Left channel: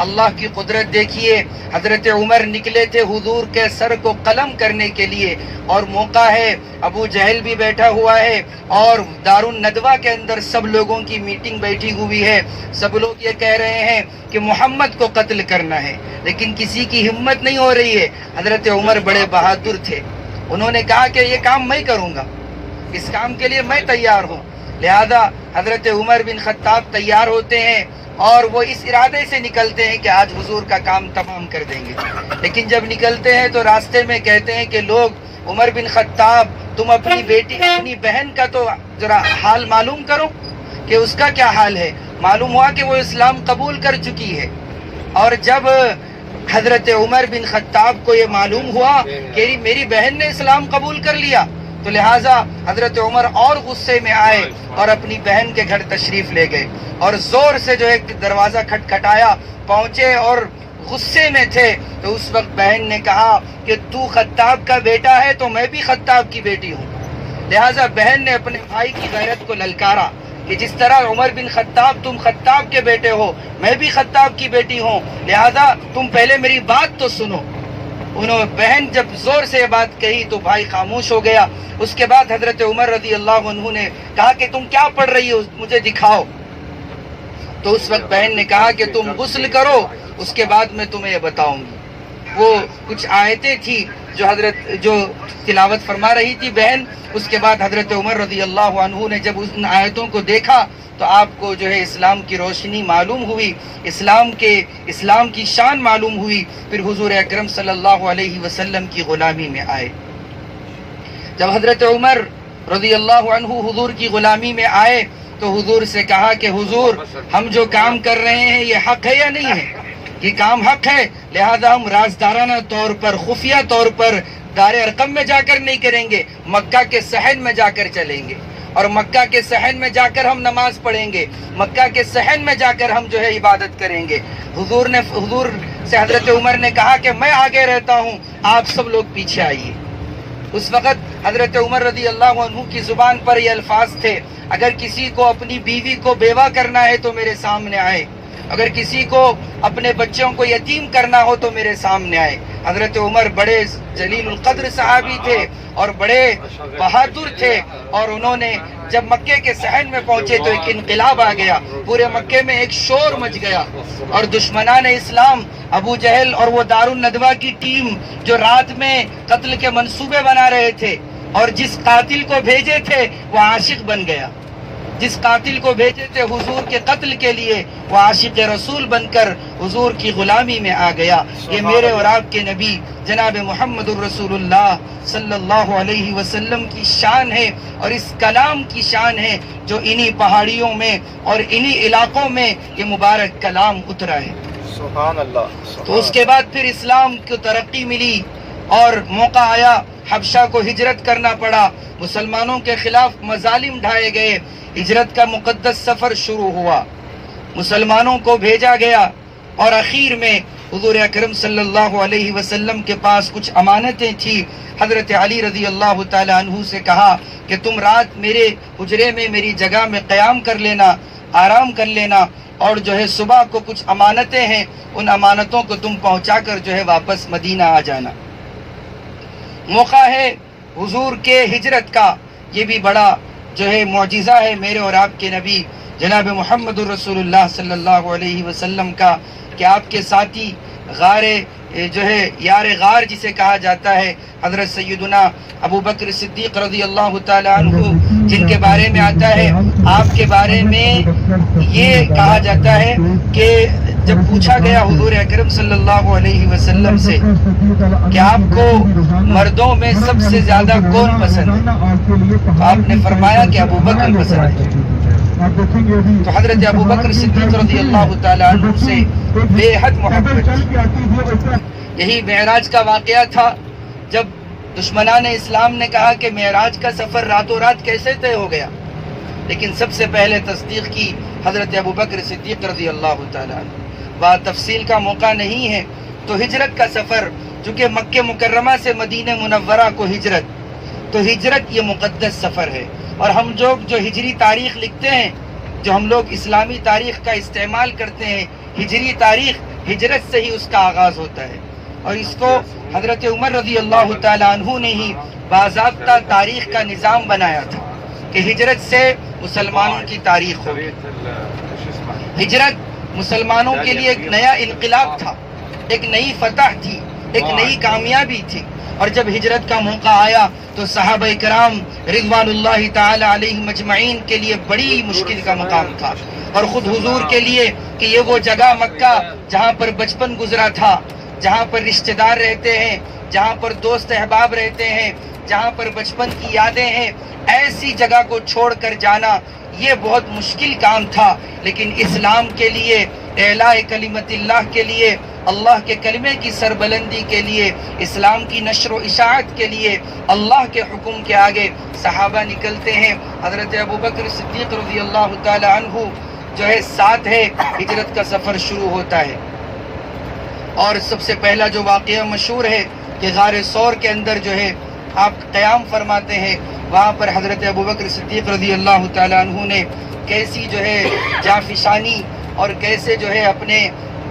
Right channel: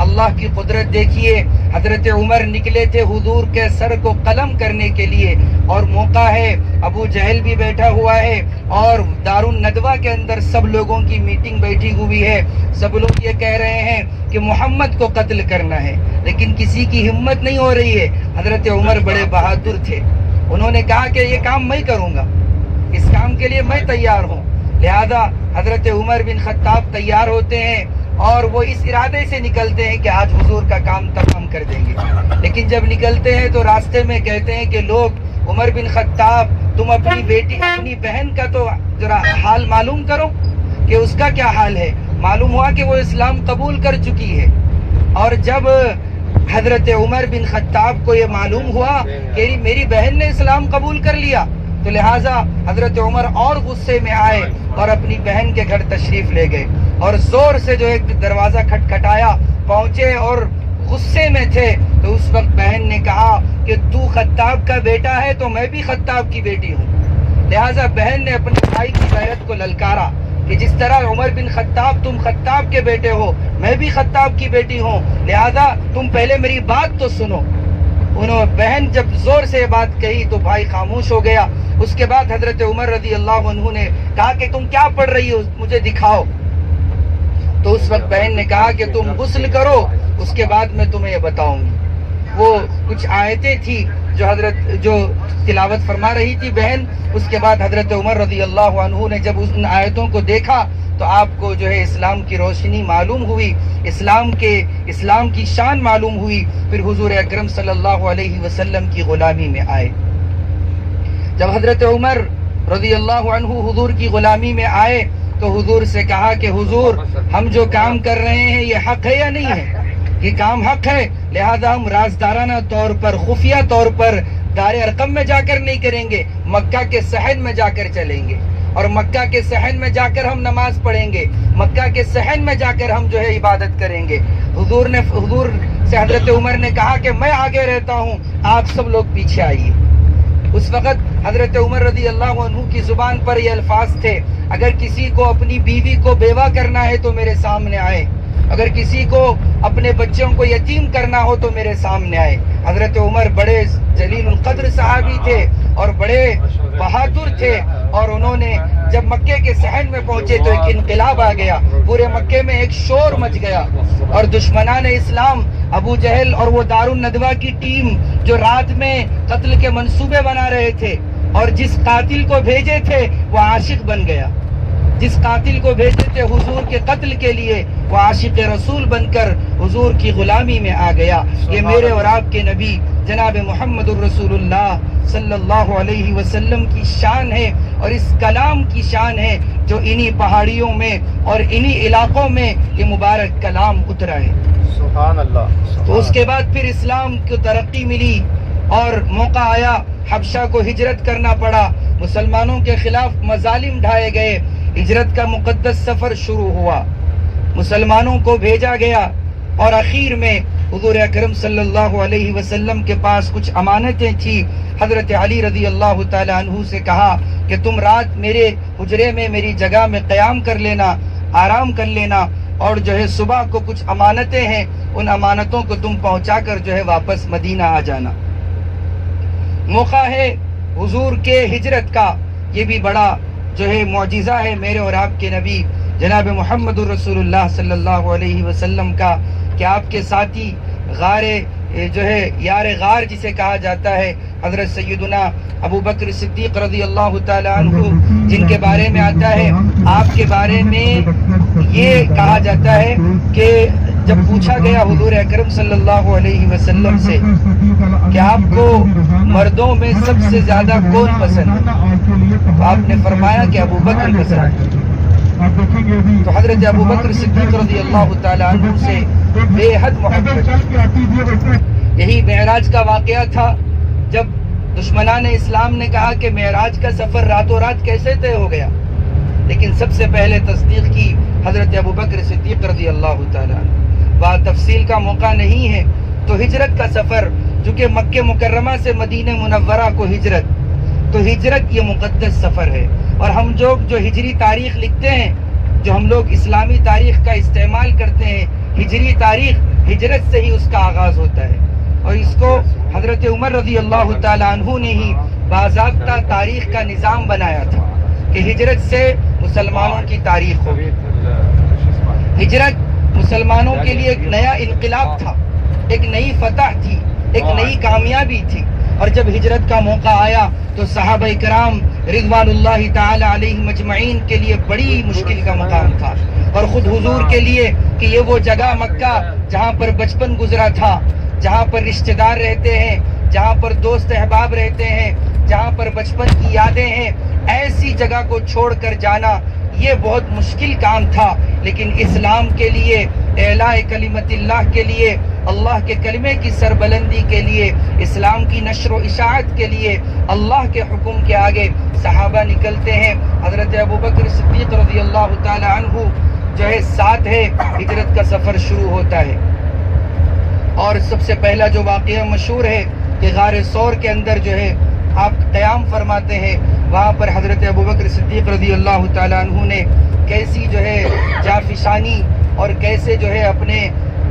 اللہ کی قدرت دیکھیے. حضرت عمر نکلے تھے حضور کے سر کو قلم کرنے کے لیے, اور موقع ہے ابو جہل بھی بیٹھا ہوا ہے, اور دار الندوہ کے اندر سب لوگوں کی میٹنگ بیٹھی ہوئی ہے. سب لوگ یہ کہہ رہے ہیں کہ محمد کو قتل کرنا ہے, لیکن کسی کی ہمت نہیں ہو رہی ہے. حضرت عمر بڑے بہادر تھے. انہوں نے کہا کہ یہ کام میں کروں گا, اس کام کے لیے میں تیار ہوں. لہذا حضرت عمر بن خطاب تیار ہوتے ہیں, اور وہ اس ارادے سے نکلتے ہیں کہ آج حضور کا کام تمام کر دیں گے. لیکن جب نکلتے ہیں تو راستے میں کہتے ہیں کہ لوگ عمر بن خطاب تم اپنی بیٹی اپنی بہن کا تو ذرا حال معلوم کرو کہ اس کا کیا حال ہے. معلوم ہوا کہ وہ اسلام قبول کر چکی ہے. اور جب حضرت عمر بن خطاب کو یہ معلوم ہوا کہ میری بہن نے اسلام قبول کر لیا, تو لہٰذا حضرت عمر اور غصے میں آئے اور اپنی بہن کے گھر تشریف لے گئے, اور زور سے جو ایک دروازہ کھٹکھٹایا, پہنچے اور غصے میں تھے. تو اس وقت بہن نے کہا کہ تو خطاب کا بیٹا ہے تو میں بھی خطاب کی بیٹی ہوں. لہٰذا بہن نے اپنے بھائی کی غیرت کو للکارا کہ جس طرح عمر بن خطاب تم خطاب کے بیٹے ہو, میں بھی خطاب کی بیٹی ہوں, لہذا تم پہلے میری بات تو سنو. بہن جب زور سے یہ بات کہی تو بھائی خاموش ہو گیا. اس کے بعد حضرت عمر رضی اللہ عنہ نے کہا کہ تم کیا پڑھ رہی ہو, مجھے دکھاؤ. تو اس وقت بہن نے کہا کہ تم غسل کرو, اس کے بعد میں تمہیں یہ بتاؤں گی. وہ کچھ آیتیں تھی جو تلاوت فرما رہی تھی بہن. اس کے بعد حضرت عمر رضی اللہ عنہ نے جب ان آیتوں کو دیکھا تو آپ کو جو ہے اسلام کی روشنی معلوم ہوئی, اسلام کی شان معلوم ہوئی. پھر حضور اکرم صلی اللہ علیہ وسلم کی غلامی میں آئے. جب حضرت عمر رضی اللہ عنہ حضور کی غلامی میں آئے تو حضور سے کہا کہ حضور ہم جو کام کر رہے ہیں یہ حق ہے یا نہیں ہے؟ یہ کام حق ہے, لہذا ہم رازدارانہ طور پر خفیہ طور پر دار ارقم میں جا کر نہیں کریں گے, مکہ کے صحن میں جا کر چلیں گے, اور مکہ کے صحن میں جا کر ہم نماز پڑھیں گے, مکہ کے صحن میں جا کر ہم جو ہے عبادت کریں گے. حضور سے حضرت عمر نے کہا کہ میں آگے رہتا ہوں, آپ سب لوگ پیچھے آئیے. اس وقت حضرت عمر رضی اللہ عنہ کی زبان پر یہ الفاظ تھے, اگر کسی کو اپنی بیوی کو بیوہ کرنا ہے تو میرے سامنے آئے, اگر کسی کو اپنے بچوں کو یتیم کرنا ہو تو میرے سامنے آئے. حضرت عمر بڑے جلیل القدر صحابی تھے اور بڑے بہادر تھے, اور انہوں نے جب مکے کے صحن میں پہنچے تو ایک انقلاب آ گیا. پورے مکے میں ایک شور مچ گیا, اور دشمنان اسلام ابو جہل اور وہ دار الندوہ کی ٹیم جو رات میں قتل کے منصوبے بنا رہے تھے, اور جس قاتل کو بھیجے تھے وہ عاشق بن گیا, جس قاتل کو بھیجے تھے حضور کے قتل کے لیے وہ عاشق رسول بن کر حضور کی غلامی میں آ گیا. یہ میرے اور آپ کے نبی جناب محمد الرسول اللہ صلی اللہ علیہ وسلم کی شان ہے, اور اس کلام کی شان ہے جو انہی پہاڑیوں میں اور انہی علاقوں میں یہ مبارک کلام اترا ہے. سبحان اللہ. تو اس کے بعد پھر اسلام کو ترقی ملی اور موقع آیا, حبشہ کو ہجرت کرنا پڑا, مسلمانوں کے خلاف مظالم ڈھائے گئے, ہجرت کا مقدس سفر شروع ہوا, مسلمانوں کو بھیجا گیا, اور اخیر میں حضور اکرم صلی اللہ علیہ وسلم کے پاس کچھ امانتیں تھی. حضرت علی رضی اللہ تعالی عنہ سے کہا کہ تم رات میرے حجرے میں میری جگہ میں قیام کر لینا, آرام کر لینا, اور جو ہے صبح کو کچھ امانتیں ہیں ان امانتوں کو تم پہنچا کر جو ہے واپس مدینہ آ جانا. موقع ہے حضور کے ہجرت کا, یہ بھی بڑا جو ہے معجزہ ہے میرے اور آپ کے نبی جناب محمد الرسول اللہ صلی اللہ علیہ وسلم کا, کہ آپ کے ساتھی غار جو ہے یار غار جسے کہا جاتا ہے حضرت سیدنا ابو بکر صدیق رضی اللہ تعالی عنہ, جن کے بارے میں آتا ہے, آپ کے بارے میں یہ کہا جاتا ہے کہ جب پوچھا گیا حضور اکرم صلی اللہ علیہ وسلم سے کہ آپ کو مردوں میں سب سے زیادہ کون پسند ہے, تو آپ نے فرمایا کہ ابو بکر پسند ہے. تو حضرت ابو بکر صدیق رضی اللہ تعالی عنہ سے بے حد محبت. یہی معراج کا واقعہ تھا جب دشمنان اسلام نے کہا کہ معراج کا سفر راتوں رات کیسے طے ہو گیا, لیکن سب سے پہلے تصدیق کی حضرت ابو بکر صدیق رضی اللہ تعالی عنہ. بات تفصیل کا موقع نہیں ہے. تو ہجرت کا سفر, چونکہ مکہ مکرمہ سے مدینہ منورہ کو ہجرت, تو ہجرت یہ مقدس سفر ہے, اور ہم جو ہجری تاریخ لکھتے ہیں جو ہم لوگ اسلامی تاریخ کا استعمال کرتے ہیں، ہجری تاریخ، ہجرت سے ہی اس کا آغاز ہوتا ہے، اور اس کو حضرت عمر رضی اللہ تعالی عنہ نے ہی باضابطہ تاریخ کا نظام بنایا تھا کہ ہجرت سے مسلمانوں کی تاریخ ہوگی۔ ہجرت مسلمانوں کے لیے ایک نیا انقلاب تھا، ایک نئی فتح تھی، ایک نئی کامیابی تھی، اور جب ہجرت کا موقع آیا تو صحابہ کرام رضوان اللہ تعالی علیہم اجمعین کے لیے بڑی مشکل کا مقام تھا، اور خود حضور کے لیے کہ یہ وہ جگہ مکہ جہاں پر بچپن گزرا تھا، جہاں پر رشتہ دار رہتے ہیں، جہاں پر دوست احباب رہتے ہیں، جہاں پر بچپن کی یادیں ہیں، ایسی جگہ کو چھوڑ کر جانا یہ بہت مشکل کام تھا، لیکن اسلام کے لیے، اعلاء کلمت اللہ کے لیے، اللہ کے کلمے کی سربلندی کے لیے، اسلام کی نشر و اشاعت کے لیے اللہ کے حکم کے آگے صحابہ نکلتے ہیں۔ حضرت ابوبکر صدیق رضی اللہ تعالی عنہ جو ہے ساتھ ہے، ہجرت کا سفر شروع ہوتا ہے، اور سب سے پہلا جو واقعہ مشہور ہے کہ غار ثور کے اندر جو ہے آپ قیام فرماتے ہیں، وہاں پر حضرت ابوبکر صدیق رضی اللہ تعالی عنہ نے کیسی جو ہے جافشانی اور کیسے جو ہے اپنے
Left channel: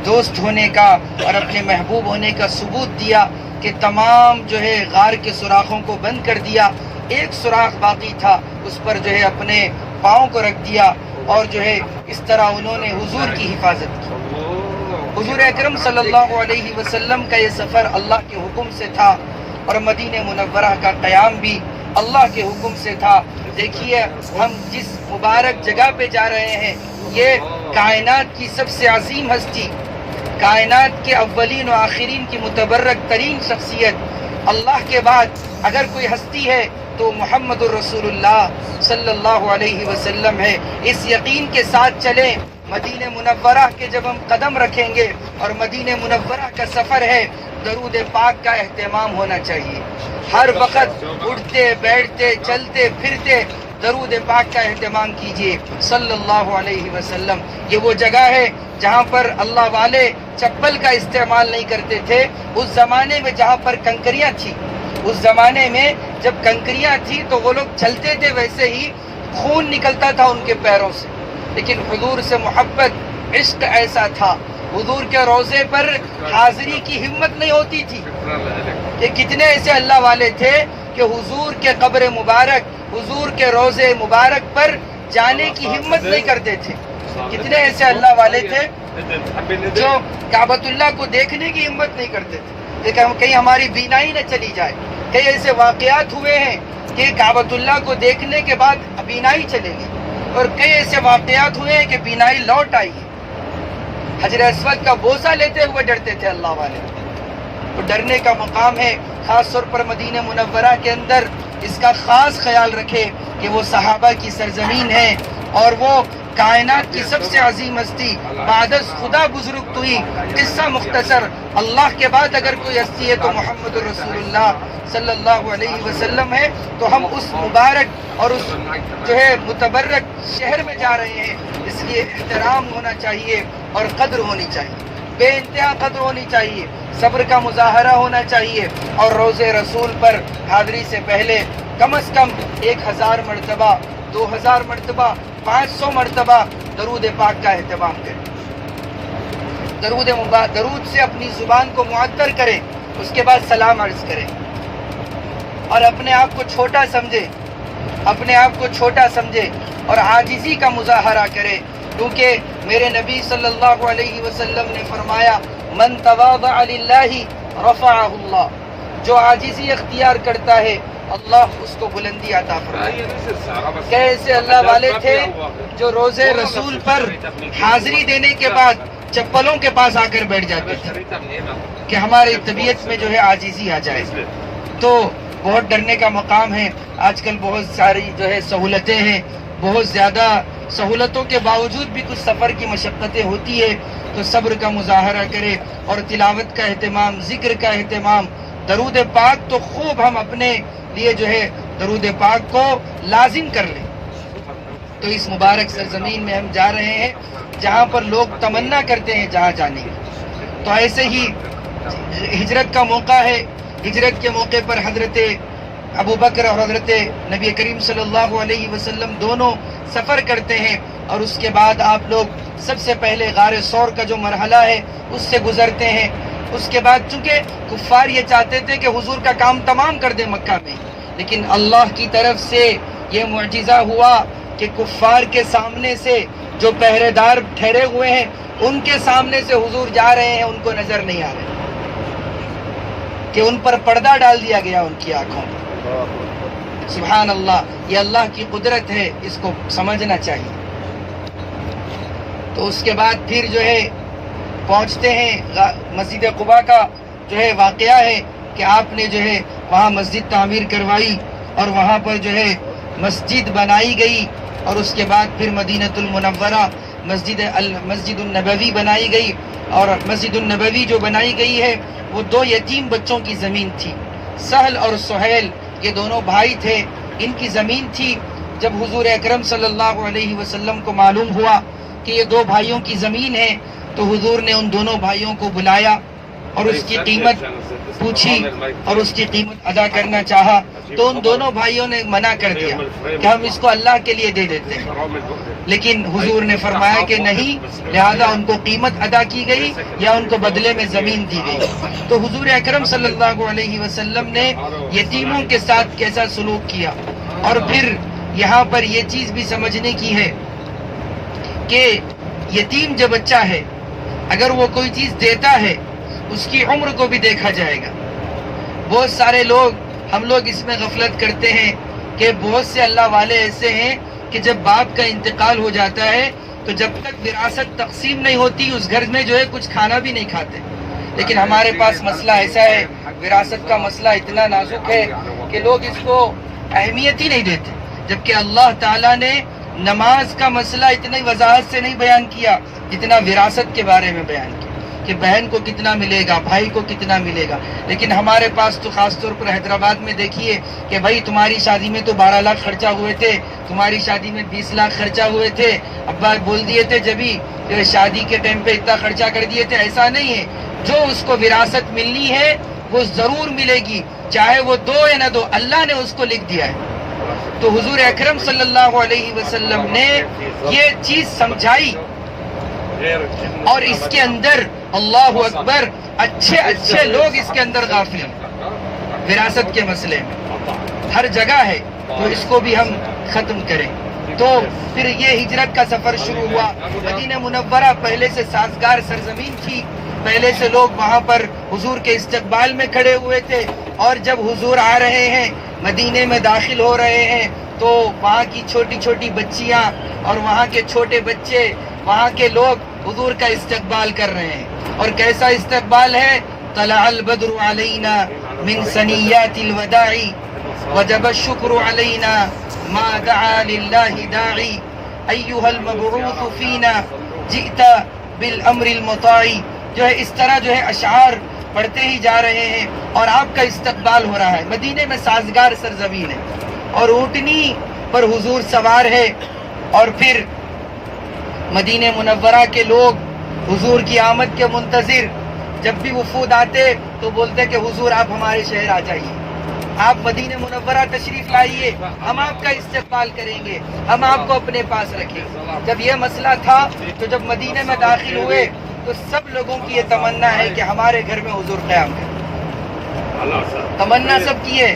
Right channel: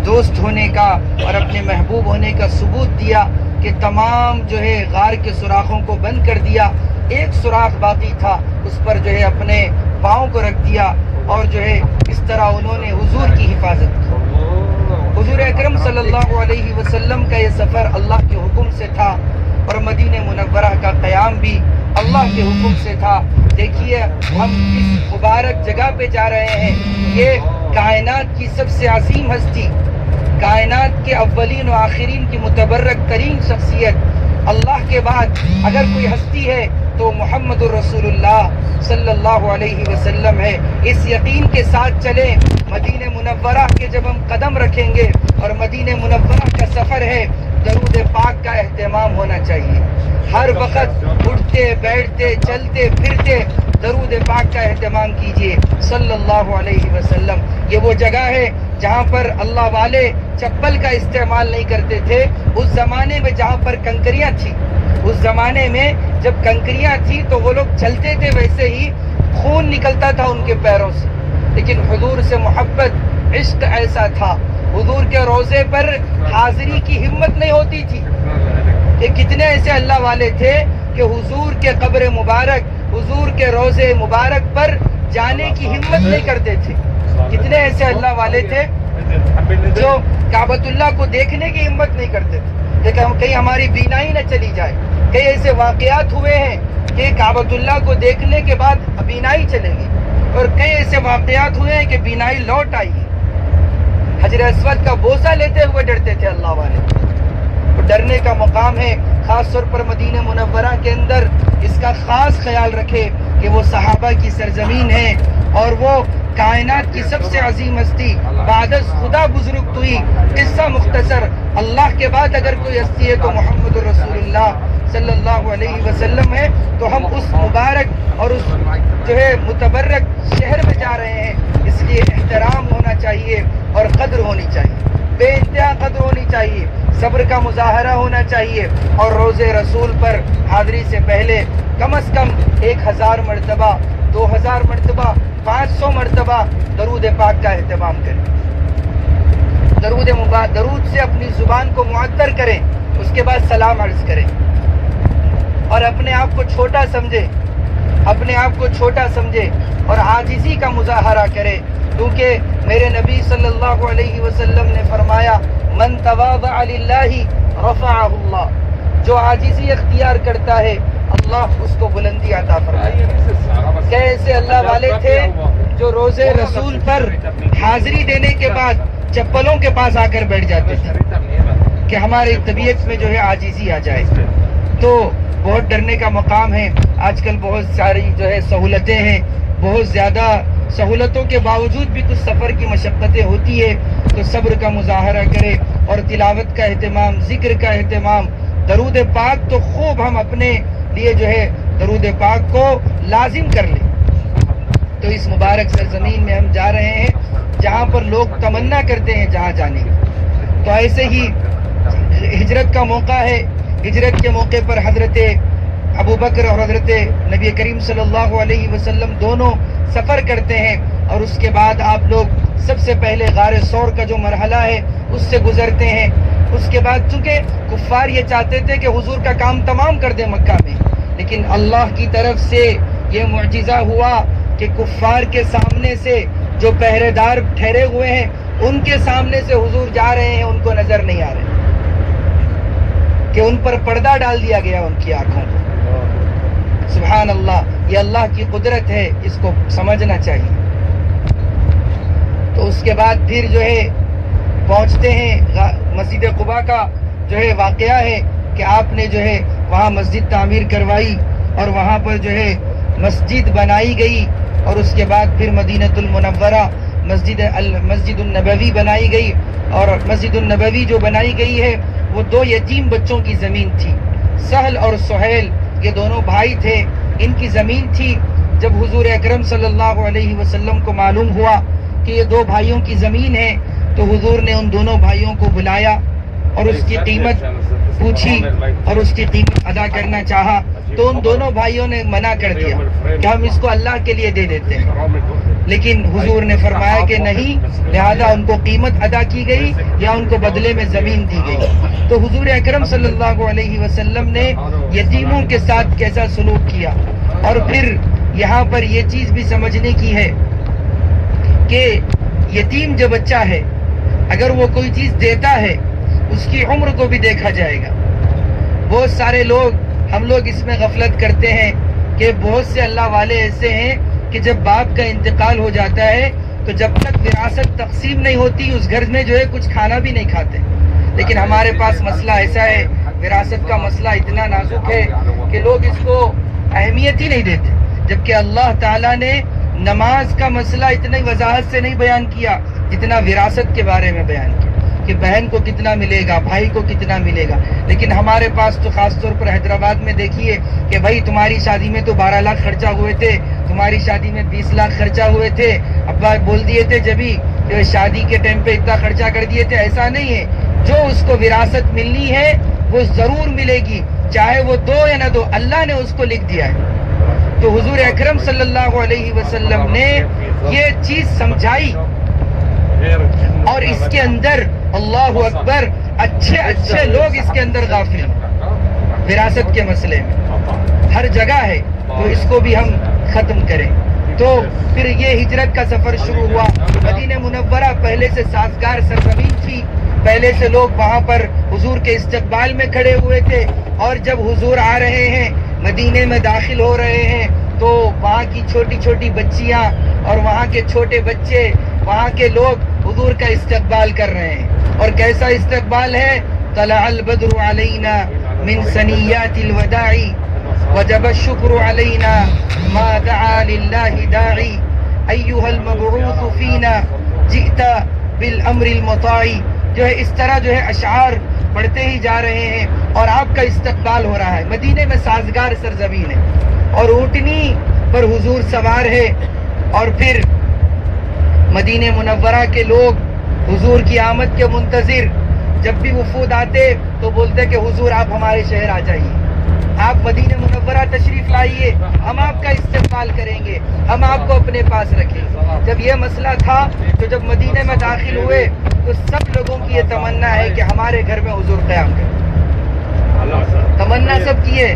دوست ہونے کا اور اپنے محبوب ہونے کا ثبوت دیا کہ تمام جو ہے غار کے سوراخوں کو بند کر دیا، ایک سوراخ باقی تھا، اس پر جو ہے اپنے پاؤں کو رکھ دیا، اور جو ہے اس طرح انہوں نے حضور کی حفاظت کی۔ حضور اکرم صلی اللہ علیہ وسلم کا یہ سفر اللہ کے حکم سے تھا، اور مدینہ منورہ کا قیام بھی اللہ کے حکم سے تھا۔ دیکھیے ہم جس مبارک جگہ پہ جا رہے ہیں، یہ کائنات کی سب سے عظیم ہستی، کائنات کے اولین و آخرین کی متبرک ترین شخصیت، اللہ کے بعد اگر کوئی ہستی ہے تو محمد الرسول اللہ صلی اللہ علیہ وسلم ہے۔ اس یقین کے ساتھ چلیں، مدینہ منورہ کے جب ہم قدم رکھیں گے اور مدینہ منورہ کا سفر ہے، درود پاک کا اہتمام ہونا چاہیے۔ ہر وقت اٹھتے بیٹھتے چلتے پھرتے درود پاک کا اہتمام کیجیے صلی اللہ علیہ وسلم۔ یہ وہ جگہ ہے جہاں پر اللہ والے چپل کا استعمال نہیں کرتے تھے، اس زمانے میں جہاں پر کنکریاں تھی، اس زمانے میں جب کنکریاں تھی تو وہ لوگ چلتے تھے، ویسے ہی خون نکلتا تھا ان کے پیروں سے، لیکن حضور سے محبت، عشق ایسا تھا، حضور کے روضے پر حاضری کی ہمت نہیں ہوتی تھی۔ کہ کتنے ایسے اللہ والے تھے کہ حضور کے قبر مبارک، حضور کے روضے مبارک پر جانے کی ہمت نہیں کرتے تھے۔ کتنے ایسے اللہ والے تھے جو کعبۃ اللہ کو دیکھنے کی ہمت نہیں کرتے تھے کہ کہیں ہماری بینائی نہ چلی جائے۔ کئی ایسے واقعات ہوئے ہیں کہ کعبۃ اللہ کو دیکھنے کے بعد بینائی چلے گی، اور کئی ایسے واقعات ہوئے ہیں کہ بینائی لوٹ آئی۔ حجر اسود کا بوسہ لیتے ہوئے ڈرتے تھے اللہ والے۔ تو ڈرنے کا مقام ہے، خاص طور پر مدینہ منورہ کے اندر اس کا خاص خیال رکھے کہ وہ صحابہ کی سرزمین ہے، اور وہ کائنات کی سب سے عظیم ہستی، بعد از خدا بزرگ توئی۔ قصہ مختصر، اللہ کے بعد اگر کوئی ہستی ہے تو محمد رسول اللہ صلی اللہ علیہ وسلم ہے۔ تو ہم اس مبارک اور اس جو ہے متبرک شہر میں جا رہے ہیں، اس لیے احترام ہونا چاہیے اور قدر ہونی چاہیے، بے انتہا قدر ہونی چاہیے، صبر کا مظاہرہ ہونا چاہیے، اور روزے رسول پر حاضری سے پہلے کم از کم 1000 مرتبہ، 2000 مرتبہ، 500 مرتبہ درود پاک کا اہتمام کریں۔ درود سے اپنی زبان کو معطر کریں، اس کے بعد سلام عرض کریں، اور اپنے آپ کو چھوٹا سمجھے، اپنے آپ کو چھوٹا سمجھے اور عاجزی کا مظاہرہ کرے، کیونکہ میرے نبی صلی اللہ علیہ وسلم نے فرمایا من تواضع للہ رفعہ اللہ، جو عاجزی اختیار کرتا ہے اللہ اس کو بلندی عطا فرمائے۔ کیسے اللہ والے تھے جو روزے رسول پر حاضری دینے کے بعد چپلوں کے پاس آ کر بیٹھ جاتے تھے کہ ہماری طبیعت میں جو ہے عاجزی آ جائے۔ تو بہت ڈرنے کا مقام ہے۔ آج کل بہت ساری جو ہے سہولتیں ہیں، بہت زیادہ سہولتوں کے باوجود بھی کچھ سفر کی مشقتیں ہوتی ہے، تو صبر کا مظاہرہ کرے اور تلاوت کا اہتمام، ذکر کا اہتمام، درود پاک تو خوب ہم اپنے لیے جو ہے درود پاک کو لازم کر لیں۔ تو اس مبارک سرزمین میں ہم جا رہے ہیں جہاں پر لوگ تمنا کرتے ہیں جہاں جانے کی۔ تو ایسے ہی ہجرت کا موقع ہے، ہجرت کے موقع پر حضرت ابو بکر اور حضرت نبی کریم صلی اللہ علیہ وسلم دونوں سفر کرتے ہیں اور اس کے بعد آپ لوگ سب سے پہلے غار ثور کا جو مرحلہ ہے اس سے گزرتے ہیں. اس کے بعد چونکہ کفار یہ چاہتے تھے کہ حضور کا کام تمام کر دیں مکہ میں، لیکن اللہ کی طرف سے یہ معجزہ ہوا کہ کفار کے سامنے سے جو پہرے دار ٹھہرے ہوئے ہیں ان کے سامنے سے حضور جا رہے ہیں، ان کو نظر نہیں آ رہے کہ ان پر پردہ ڈال دیا گیا ان کی آنکھوں میں. سبحان اللہ، یہ اللہ کی قدرت ہے، اس کو سمجھنا چاہیے. تو اس کے بعد پھر جو ہے پہنچتے ہیں مسجد قباء کا جو ہے واقعہ ہے کہ آپ نے جو ہے وہاں مسجد تعمیر کروائی اور وہاں پر جو ہے مسجد بنائی گئی، اور اس کے بعد پھر مدینۃ المنورہ مسجد النبوی بنائی گئی. اور مسجد النبوی جو بنائی گئی ہے وہ 2 یتیم بچوں کی زمین تھی. سہل اور سہیل یہ دونوں بھائی تھے، ان کی زمین تھی. جب حضور اکرم صلی اللہ علیہ وسلم کو معلوم ہوا کہ یہ 2 بھائیوں کی زمین ہے تو حضور نے ان دونوں بھائیوں کو بلایا اور اس کی قیمت پوچھی اور اس کی قیمت ادا کرنا چاہا. تو ان دونوں بھائیوں نے منع کر دیا کہ ہم اس کو اللہ کے لیے دے دیتے ہیں، لیکن حضور نے فرمایا کہ نہیں، لہذا ان کو قیمت ادا کی گئی یا ان کو بدلے میں زمین دی گئی. تو حضور اکرم صلی اللہ علیہ وسلم نے یتیموں کے ساتھ کیسا سلوک کیا. اور پھر یہاں پر یہ چیز بھی سمجھنے کی ہے کہ یتیم جو بچہ ہے اگر وہ کوئی چیز دیتا ہے اس کی عمر کو بھی دیکھا جائے گا. بہت سارے ہم لوگ اس میں غفلت کرتے ہیں کہ بہت سے اللہ والے ایسے ہیں کہ جب باپ کا انتقال ہو جاتا ہے تو جب تک وراثت تقسیم نہیں ہوتی اس گھر میں جو ہے کچھ کھانا بھی نہیں کھاتے. لیکن ہمارے پاس مسئلہ ایسا ہے، وراثت کا مسئلہ اتنا نازک ہے کہ لوگ اس کو اہمیت ہی نہیں دیتے، جبکہ اللہ تعالیٰ نے نماز کا مسئلہ اتنی وضاحت سے نہیں بیان کیا جتنا وراثت کے بارے میں بیان کیا کہ بہن کو کتنا ملے گا، بھائی کو کتنا ملے گا. لیکن ہمارے پاس تو خاص طور پر حیدرآباد میں دیکھیے کہ بھائی تمہاری شادی میں تو 12 لاکھ خرچہ ہوئے تھے، تمہاری شادی میں 20 لاکھ خرچہ ہوئے تھے، ابا بول دیے تھے جبھی شادی کے ٹائم پہ اتنا خرچہ کر دیے تھے. ایسا نہیں ہے، جو اس کو وراثت ملنی ہے وہ ضرور ملے گی، چاہے وہ دو یا نہ دو، اللہ نے اس کو لکھ دیا ہے. تو حضور اکرم صلی اللہ علیہ وسلم نے یہ چیز سمجھائی اور اس کے اندر اللہ اکبر اچھے لوگ اس کے اندر غافل ہیں وراثت کے مسئلے میں، ہر جگہ ہے. تو اس کو بھی ہم ختم کریں. تو پھر یہ ہجرت کا سفر شروع ہوا. مدینہ منورہ پہلے سے سازگار سرزمین تھی، پہلے سے لوگ وہاں پر حضور کے استقبال میں کھڑے ہوئے تھے. اور جب حضور آ رہے ہیں مدینے میں داخل ہو رہے ہیں تو وہاں کی چھوٹی چھوٹی بچیاں اور وہاں کے چھوٹے بچے، وہاں کے لوگ حضور کا استقبال کر رہے ہیں. اور کیسا استقبال ہے؟ طلع البدر علینا من ثنیات الوداع وجب الشکر علینا ما دعا للہ داعی ایہا المبعوث فینا جئت بالامر المطاع. جو ہے اس طرح جو ہے اشعار پڑھتے ہی جا رہے ہیں اور آپ کا استقبال ہو رہا ہے. مدینے میں سازگار سرزمین ہے اور اونٹنی پر حضور سوار ہے. اور پھر مدینہ منورہ کے لوگ حضور کی آمد کے منتظر، جب بھی وفود آتے تو بولتے کہ حضور آپ ہمارے شہر آ جائیے، آپ مدینہ منورہ تشریف لائیے، ہم آپ کا استقبال کریں گے، ہم آپ کو اپنے پاس رکھیں گے. جب یہ مسئلہ تھا تو جب مدینے میں داخل ہوئے تو سب لوگوں کی یہ تمنا ہے کہ ہمارے گھر میں حضور قیام کریں. تمنا سب کی ہے.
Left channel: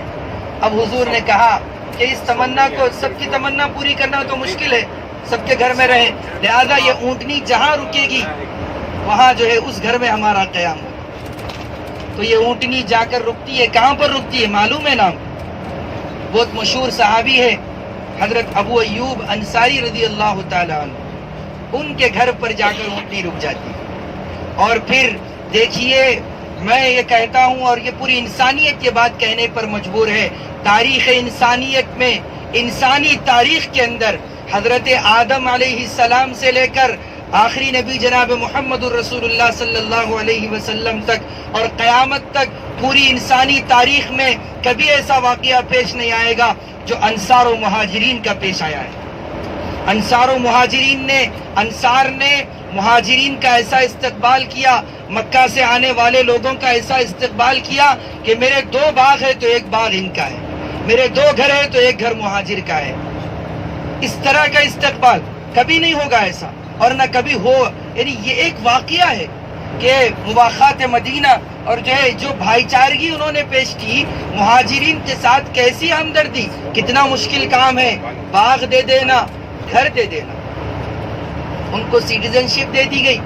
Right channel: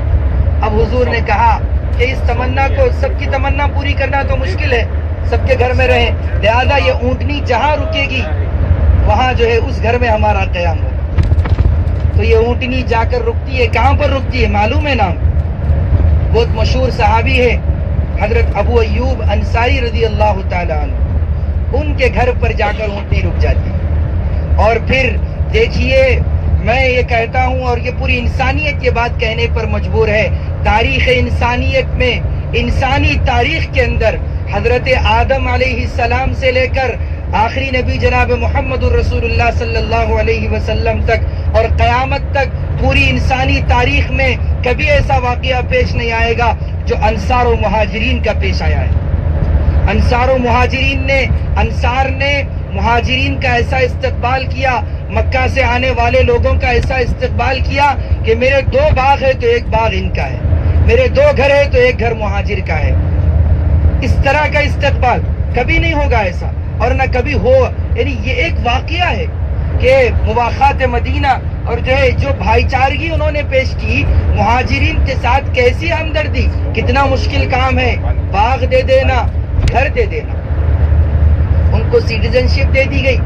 اب حضور نے کہا کہ اس تمنا کو، سب کی تمنا پوری کرنا تو مشکل ہے، سب کے گھر میں رہے، لہذا یہ اونٹنی جہاں رکے گی وہاں جو ہے اس گھر میں ہمارا قیام ہوگا. تو یہ اونٹنی جا کر رکتی ہے، کہاں پر رکتی ہے معلوم ہے نام؟ بہت مشہور صحابی ہے حضرت ابو ایوب انصاری رضی اللہ تعالیٰ عنہ، ان کے گھر پر جا کر اونٹنی رک جاتی ہے. اور پھر دیکھیے، میں یہ کہتا ہوں اور یہ پوری انسانیت یہ بات کہنے پر مجبور ہے، تاریخ انسانیت میں، انسانی تاریخ کے اندر حضرت آدم علیہ السلام سے لے کر آخری نبی جناب محمد الرسول اللہ صلی اللہ علیہ وسلم تک اور قیامت تک پوری انسانی تاریخ میں کبھی ایسا واقعہ پیش نہیں آئے گا جو انصار و مہاجرین کا پیش آیا ہے. انصار و مہاجرین نے، انصار نے مہاجرین کا ایسا استقبال کیا، مکہ سے آنے والے لوگوں کا ایسا استقبال کیا کہ میرے 2 باغ ہے تو 1 باغ ان کا ہے، میرے 2 گھر ہے تو 1 گھر مہاجر کا ہے. اس طرح کا استقبال کبھی نہیں ہوگا ایسا، اور نہ کبھی ہو. یعنی یہ ایک واقعہ ہے کہ مواخات مدینہ اور جو بھائی چارگی انہوں نے پیش کی مہاجرین کے ساتھ، کیسی ہمدردی. کتنا مشکل کام ہے، باغ دے دینا، گھر دے دینا. ان کو سٹیزن شپ دے دی گئی،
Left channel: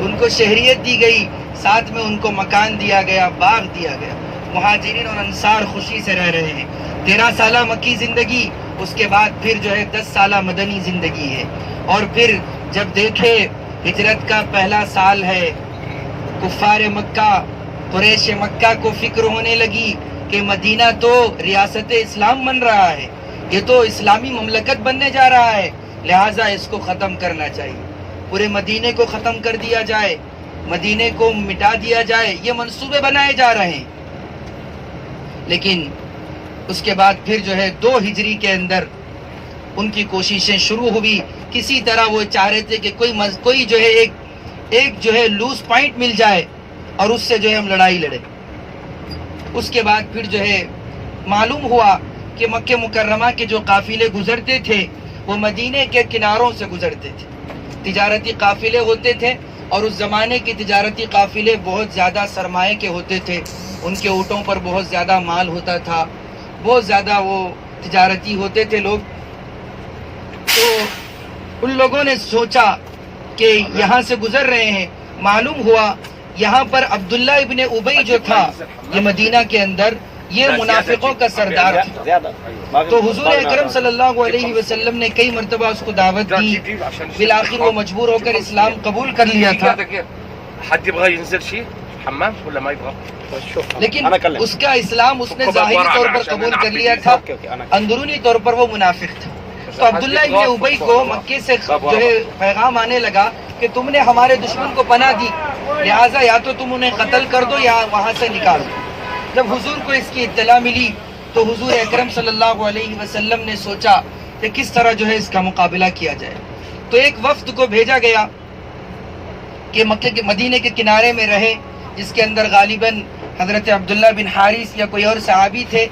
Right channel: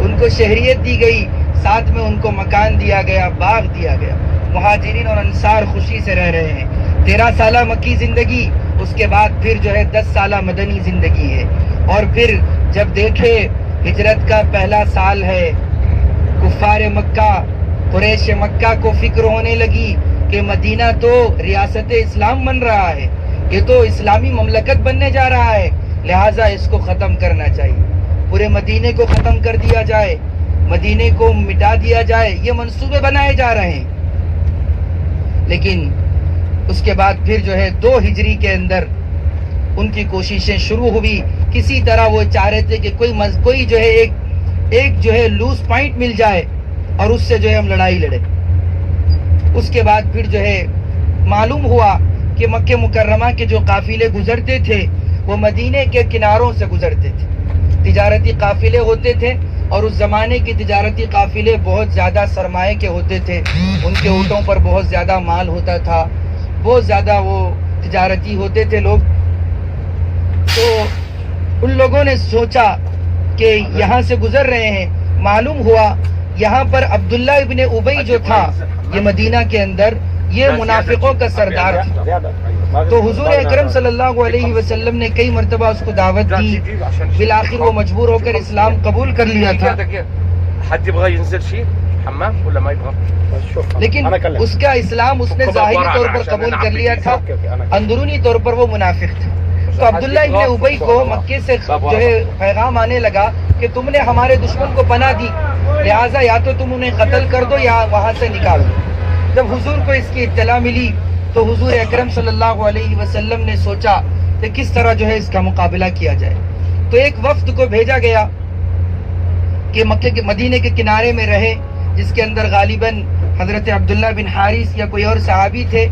ان کو شہریت دی گئی، ساتھ میں ان کو مکان دیا گیا، باغ دیا گیا. مہاجرین اور انصار خوشی سے رہ رہے ہیں. 13 سالہ مکی زندگی، اس کے بعد پھر 10 سالہ مدنی زندگی ہے. اور پھر جب دیکھے ہجرت کا پہلا سال ہے، کفار مکہ، قریش مکہ کو فکر ہونے لگی کہ مدینہ تو ریاست اسلام بن رہا ہے، یہ تو اسلامی مملکت بننے جا رہا ہے، لہٰذا اس کو ختم کرنا چاہیے. پورے مدینے کو ختم کر دیا جائے، مدینے کو مٹا دیا جائے، یہ منصوبے بنائے جا رہے ہیں. لیکن اس کے بعد پھر 2 ہجری کے اندر ان کی کوششیں شروع ہوئی. کسی طرح وہ چاہ رہے تھے کہ کوئی ایک لوز پوائنٹ مل جائے اور اس سے ہم لڑائی لڑے. اس کے بعد پھر معلوم ہوا کہ مکہ مکرمہ کے جو قافلے گزرتے تھے وہ مدینے کے کناروں سے گزرتے تھے. تجارتی قافلے ہوتے تھے، اور اس زمانے کے تجارتی قافلے بہت زیادہ سرمایے کے ہوتے تھے. ان کے اونٹوں پر بہت زیادہ مال ہوتا تھا، بہت زیادہ وہ تجارتی ہوتے تھے لوگ. تو ان لوگوں نے سوچا کہ یہاں سے گزر رہے ہیں. معلوم ہوا یہاں پر عبداللہ ابن ابی جو تھا، یہ مدینہ کے اندر یہ منافقوں کا سردار تھا. تو حضور اکرم صلی اللہ علیہ وسلم نے کئی مرتبہ اس کو دعوت دی، بالآخر وہ مجبور ہو کر اسلام قبول کر لیا تھا. لیکن اس کا اسلام اس نے ظاہری طور پر قبول کر لیا تھا، اندرونی طور پر وہ منافق تھا. تو عبداللہ ابن ابی کو مکے سے پیغام آنے لگا کہ تم نے ہمارے دشمن کو پناہ دی، لہٰذا یا تو تم انہیں قتل کر دو یا وہاں سے نکال دو. جب حضور کو اس کی اطلاع ملی تو حضور اکرم صلی اللہ علیہ وسلم نے سوچا کہ کس طرح اس کا مقابلہ کیا جائے. تو ایک وفد کو بھیجا گیا کہ مکے کے مدینے کے کنارے میں رہے، جس کے اندر غالباً حضرت عبداللہ بن حارث یا کوئی اور صحابی تھے،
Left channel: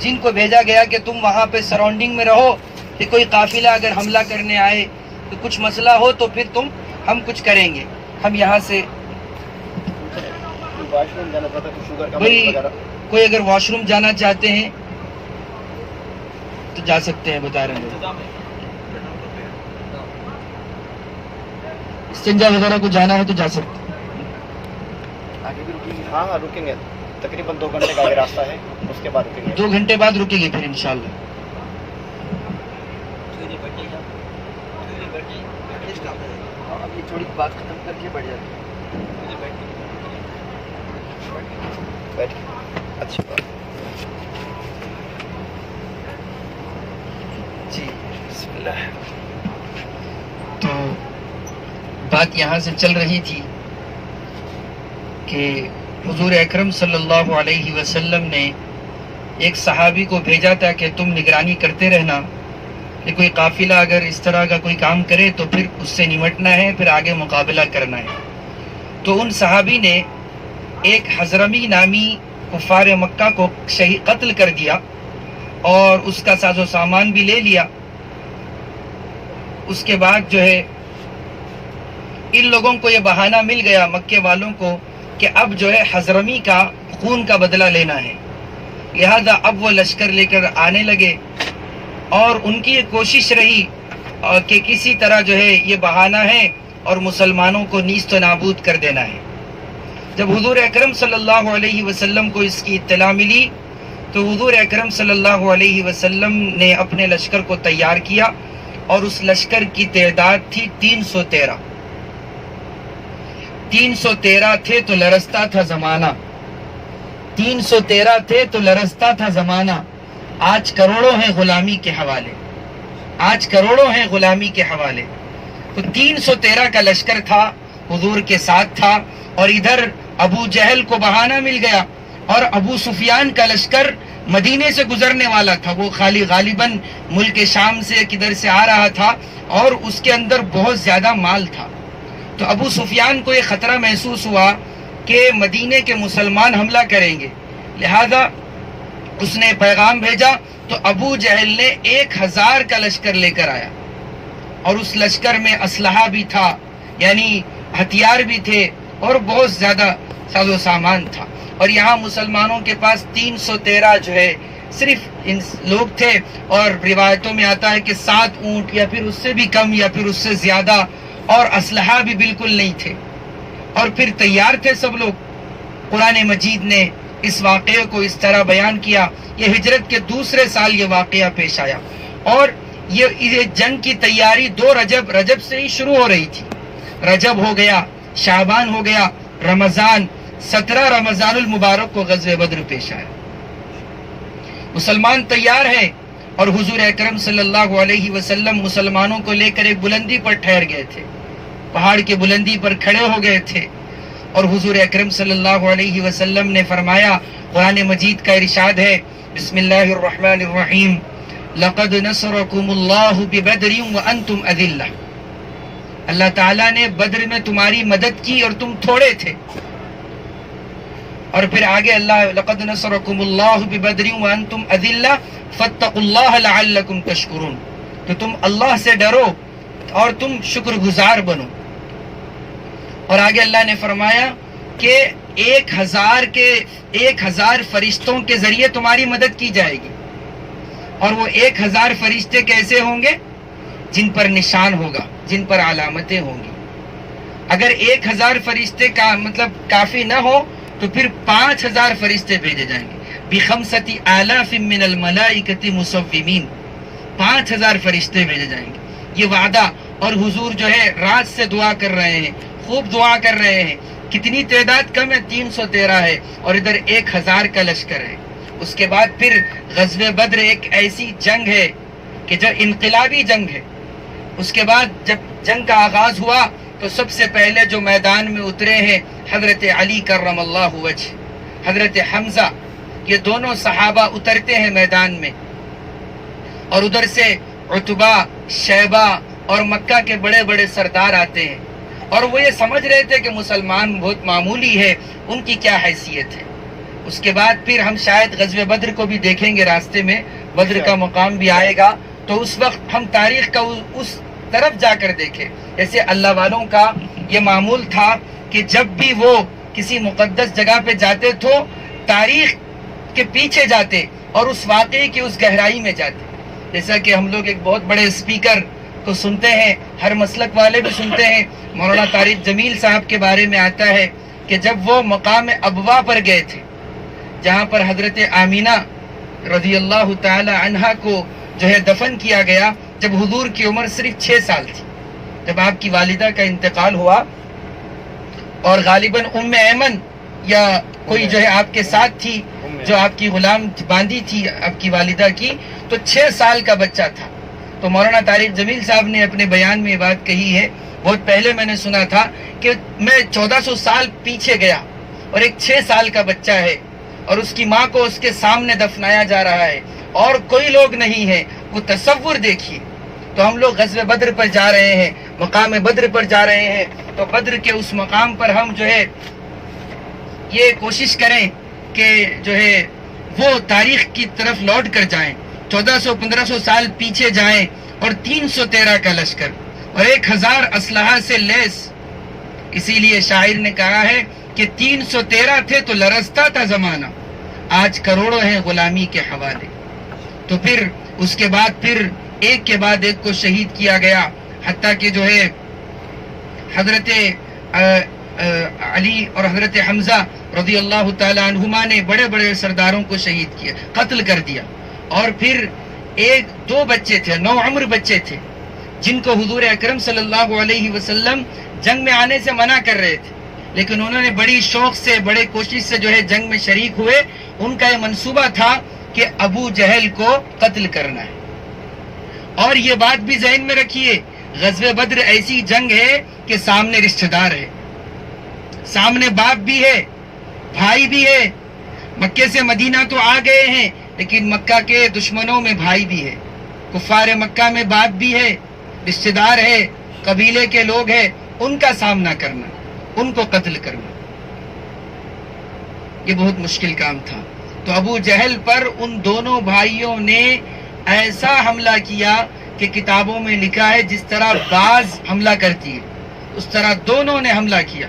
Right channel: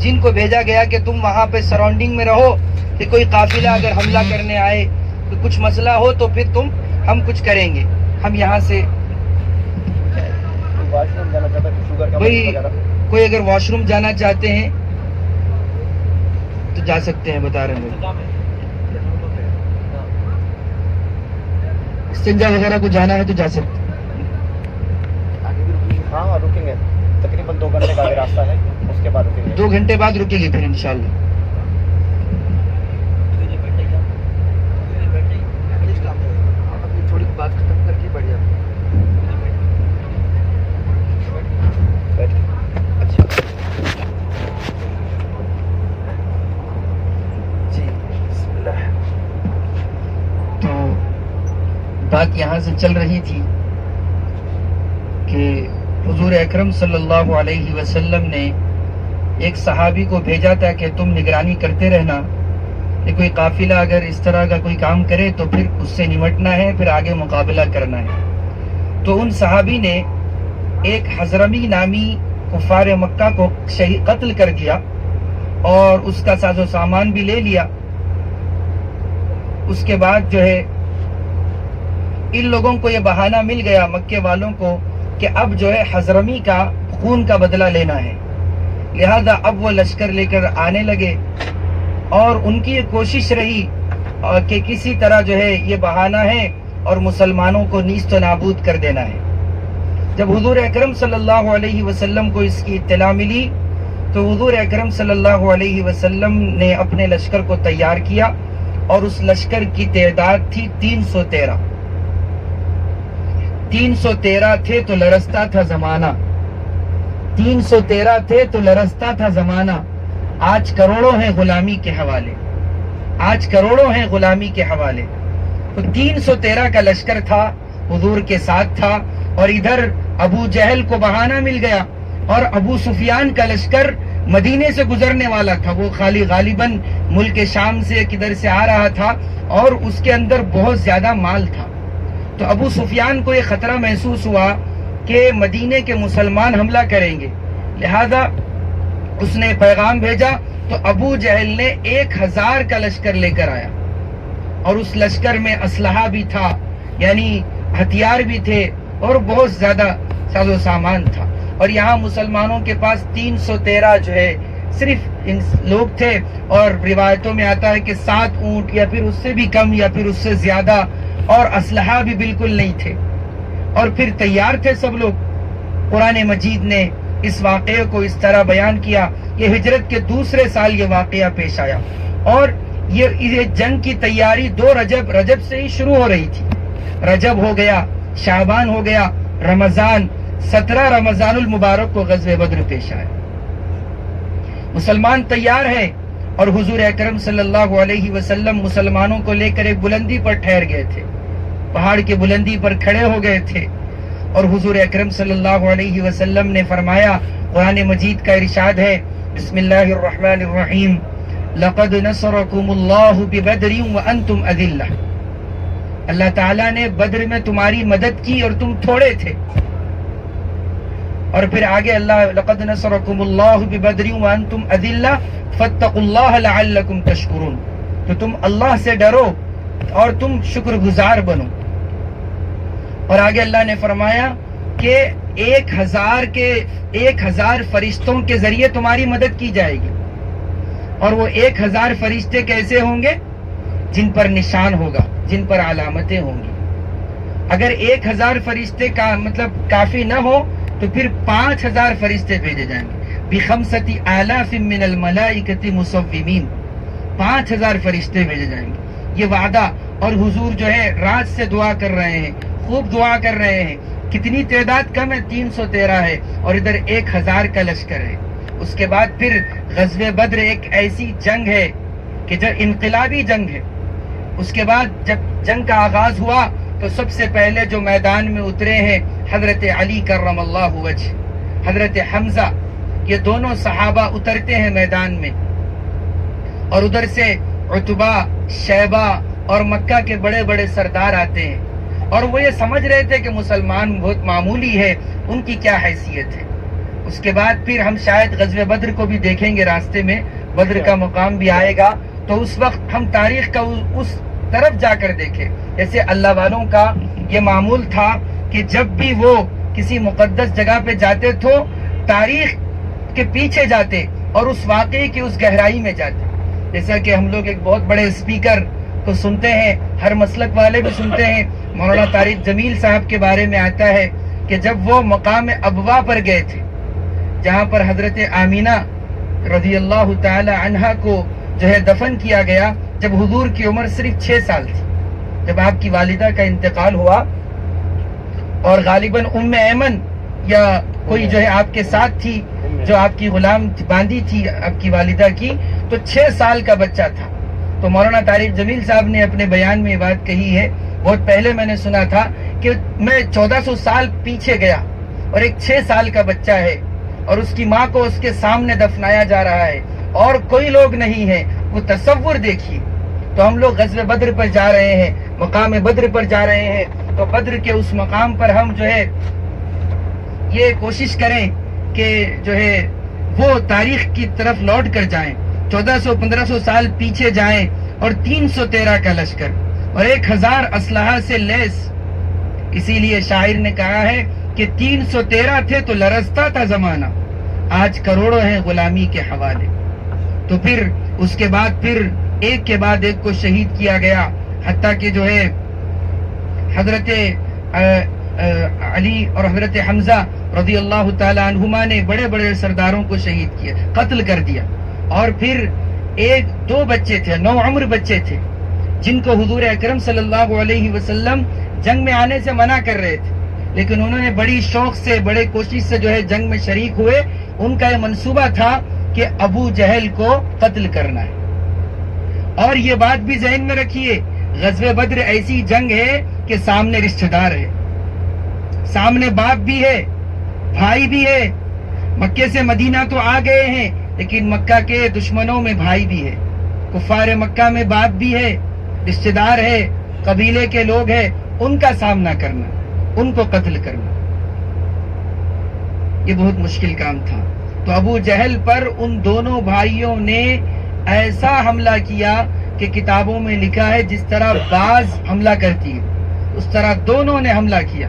جن کو بھیجا گیا کہ تم وہاں پہ سراؤنڈنگ میں رہو، کہ کوئی قافلہ اگر حملہ کرنے آئے تو کچھ مسئلہ ہو تو پھر ہم کچھ کریں گے. ہم یہاں سے کوئی اگر واش روم جانا چاہتے ہیں تو جا سکتے ہیں، بتا رہے ہیں. استنجا وغیرہ کو جانا ہے تو جا سکتے ہیں. ہاں رکیں گے، تقریباً 2 گھنٹے کا راستہ ہے، اس کے بعد رکیں گے. 2 گھنٹے بعد رکیں گے پھر انشاءاللہ. تھوڑی بات ختم کر کے بڑھ جاتے ہیں. اچھا جی بسم اللہ. تو بات یہاں سے چل رہی تھی کہ حضور اکرم صلی اللہ علیہ وسلم نے ایک صحابی کو بھیجا تھا کہ تم نگرانی کرتے رہنا کہ کوئی قافلہ اگر اس طرح کا کوئی کام کرے تو پھر اس سے نمٹنا ہے، پھر آگے مقابلہ کرنا ہے. تو ان صحابی نے ایک حضرمی نامی کفار مکہ کو قتل کر دیا اور اس کا ساز و سامان بھی لے لیا. اس کے بعد ان لوگوں کو یہ بہانہ مل گیا، مکے والوں کو، کہ اب حضرمی کا خون کا بدلہ لینا ہے. لہذا اب وہ لشکر لے کر آنے لگے، اور ان کی یہ کوشش رہی کہ کسی طرح یہ بہانہ ہے اور مسلمانوں کو نیست و نابود کر دینا ہے. جب حضور اکرم صلی اللہ علیہ وسلم کو اس کی اطلاع ملی تو حضور اکرم صلی اللہ علیہ وسلم نے اپنے لشکر کو تیار کیا، اور اس لشکر کی تعداد تھی 313. 313 تھے تو لرزتا تھا زمانہ، 313 تھے تو لرزتا تھا زمانہ. آج کروڑوں ہیں غلامی کے حوالے، آج کروڑوں ہیں غلامی کے حوالے. تو 313 کا لشکر تھا، حضور کے ساتھ تھا. اور ادھر ابو جہل کو بہانہ مل گیا، اور ابو سفیان کا لشکر مدینے سے گزرنے والا تھا. وہ غالباً ملک شام سے کدھر سے آ رہا تھا، اور اس کے اندر بہت زیادہ مال تھا. تو ابو سفیان کو یہ خطرہ محسوس ہوا کہ مدینے کے مسلمان حملہ کریں گے، لہذا اس نے پیغام بھیجا تو ابو جہل نے 1000 کا لشکر لے کر آیا، اور اس لشکر میں اسلحہ بھی تھا، یعنی ہتھیار بھی تھے، اور بہت زیادہ ساز و سامان تھا. اور یہاں مسلمانوں کے پاس 313 جو ہے صرف لوگ تھے، اور روایتوں میں آتا ہے کہ 7 اونٹ یا پھر اس سے بھی کم یا پھر اس سے زیادہ، اور اسلحہ بھی بالکل نہیں تھے، اور پھر تیار تھے سب لوگ. قرآن مجید نے اس واقعے کو اس طرح بیان کیا. یہ ہجرت کے دوسرے سال یہ واقعہ پیش آیا، اور یہ جنگ کی تیاری 2 رجب سے ہی شروع ہو رہی تھی. رجب ہو گیا، شعبان ہو گیا، رمضان، 17 رمضان المبارک کو غزوہ بدر پیش آیا. مسلمان تیار ہے، اور حضور اکرم صلی اللہ علیہ وسلم مسلمانوں کو لے کر ایک بلندی پر ٹھہر گئے تھے، پہاڑ کی بلندی پر کھڑے ہو گئے تھے. اور حضور اکرم صلی اللہ علیہ وسلم نے فرمایا، قرآن مجید کا ارشاد ہے، بسم اللہ الرحمن الرحیم، لقد نصرکم اللہ ببدر وانتم اذلہ. اللہ تعالیٰ نے بدر میں تمہاری مدد کی اور تم تھوڑے تھے. اور پھر آگے اللہ، لقد نصرکم اللہ ببدر وانتم اذلہ فاتقوا اللہ لعلکم تشکرون. تو تم اللہ سے ڈرو اور تم شکر گزار بنو. اور آگے اللہ نے فرمایا کہ 1000 فرشتوں کے ذریعے تمہاری مدد کی جائے گی. اور وہ 1000 فرشتے کیسے ہوں گے؟ جن پر نشان ہوگا، جن پر علامتیں ہوں گی. اگر 1000 فرشتے کا مطلب کافی نہ ہو تو پھر 5000 فرشتے بھیجے جائیں گے. بخمسۃ آلاف من الملائکۃ مصومین، 5000 فرشتے بھیجے جائیں گے. یہ وعدہ. اور حضور جو ہے رات سے دعا کر رہے ہیں، خوب دعا کر رہے ہیں. کتنی تعداد کم ہے؟ 313 ہے، اور ادھر 1000 کا لشکر ہے. اس کے بعد پھر غزوہ بدر ایک ایسی جنگ ہے کہ جو انقلابی جنگ ہے. اس کے بعد جب جنگ کا آغاز ہوا تو سب سے پہلے جو میدان میں اترے ہیں حضرت علی کرم اللہ وجہ، حضرت حمزہ، یہ دونوں صحابہ اترتے ہیں میدان میں. اور ادھر سے عتبہ، شیبہ اور مکہ کے بڑے بڑے سردار آتے ہیں. اور وہ یہ سمجھ رہے تھے کہ مسلمان بہت معمولی ہے، ان کی کیا حیثیت ہے. اس کے بعد پھر ہم شاید غزوہ بدر کو بھی دیکھیں گے، راستے میں بدر کا مقام بھی آئے گا، تو اس وقت ہم تاریخ کا اس طرف جا کر دیکھیں. جیسے اللہ والوں کا یہ معمول تھا کہ جب بھی وہ کسی مقدس جگہ پہ جاتے تو تاریخ کے پیچھے جاتے اور اس واقعے کی اس گہرائی میں جاتے. جیسا کہ ہم لوگ ایک بہت بڑے اسپیکر کو سنتے ہیں، ہر مسلک والے بھی سنتے ہیں، مولانا طارق جمیل صاحب کے بارے میں آتا ہے کہ جب وہ مقام ابوا پر گئے تھے، جہاں پر حضرت آمینہ رضی اللہ تعالی عنہا کو جو ہے دفن کیا گیا، جب حضور کی عمر صرف 6 سال تھی، جب آپ کی والدہ کا انتقال ہوا. اور غالباً ام ایمن یا کوئی جو ہے آپ کے ساتھ تھی، جو آپ کی غلام باندھی تھی آپ کی والدہ کی، تو 6 سال کا بچہ تھا. تو مولانا طارق جمیل صاحب نے اپنے بیان میں یہ بات کہی ہے، بہت پہلے میں نے سنا تھا کہ میں 1400 سال پیچھے گیا اور ایک 6 سال کا بچہ ہے اور اس کی ماں کو اس کے سامنے دفنایا جا رہا ہے اور کوئی لوگ نہیں ہے. وہ تصور دیکھیے. تو ہم لوگ غزوہ بدر پر جا رہے ہیں، مقام بدر پر جا رہے ہیں، تو بدر کے اس مقام پر ہم جو ہے یہ کوشش کریں کہ جو ہے وہ تاریخ کی طرف لوٹ کر جائیں، 1400-1500 سال پیچھے جائیں، اور 313 کا لشکر اور 1000 اسلحہ سے لیس. اسی لیے شاعر نے کہا ہے کہ 313 تھے تو لرزتا تھا زمانہ، آج کروڑوں ہیں غلامی کے حوالے. تو پھر اس کے بعد پھر ایک کے بعد ایک کو شہید کیا گیا، حتیٰ کہ جو ہے حضرت علی اور حضرت حمزہ رضی اللہ تعالی عنہما نے بڑے بڑے سرداروں کو شہید کیا، قتل کر دیا. اور پھر 1-2 بچے تھے، 9 عمر بچے تھے، جن کو حضور اکرم صلی اللہ علیہ وسلم جنگ میں آنے سے منع کر رہے تھے، لیکن انہوں نے بڑی شوق سے، بڑے کوشش سے جو ہے جنگ میں شریک ہوئے. ان کا یہ منصوبہ تھا کہ ابو جہل کو قتل کرنا ہے. اور یہ بات بھی ذہن میں رکھیے، غزوہ بدر ایسی جنگ ہے کہ سامنے رشتہ دار ہے، سامنے باپ بھی ہے، بھائی بھی ہے. مکے سے مدینہ تو آ گئے ہیں، لیکن مکہ کے دشمنوں میں بھائی بھی ہے، کفار مکہ میں باپ بھی ہے، رشتہ دار ہے، قبیلے کے لوگ ہیں. ان کا سامنا کرنا، ان کو قتل کرنا، یہ بہت مشکل کام تھا. تو ابو جہل پر ان دونوں بھائیوں نے ایسا حملہ کیا کہ کتابوں میں لکھا ہے جس طرح باز حملہ کرتی ہے اس طرح دونوں نے حملہ کیا،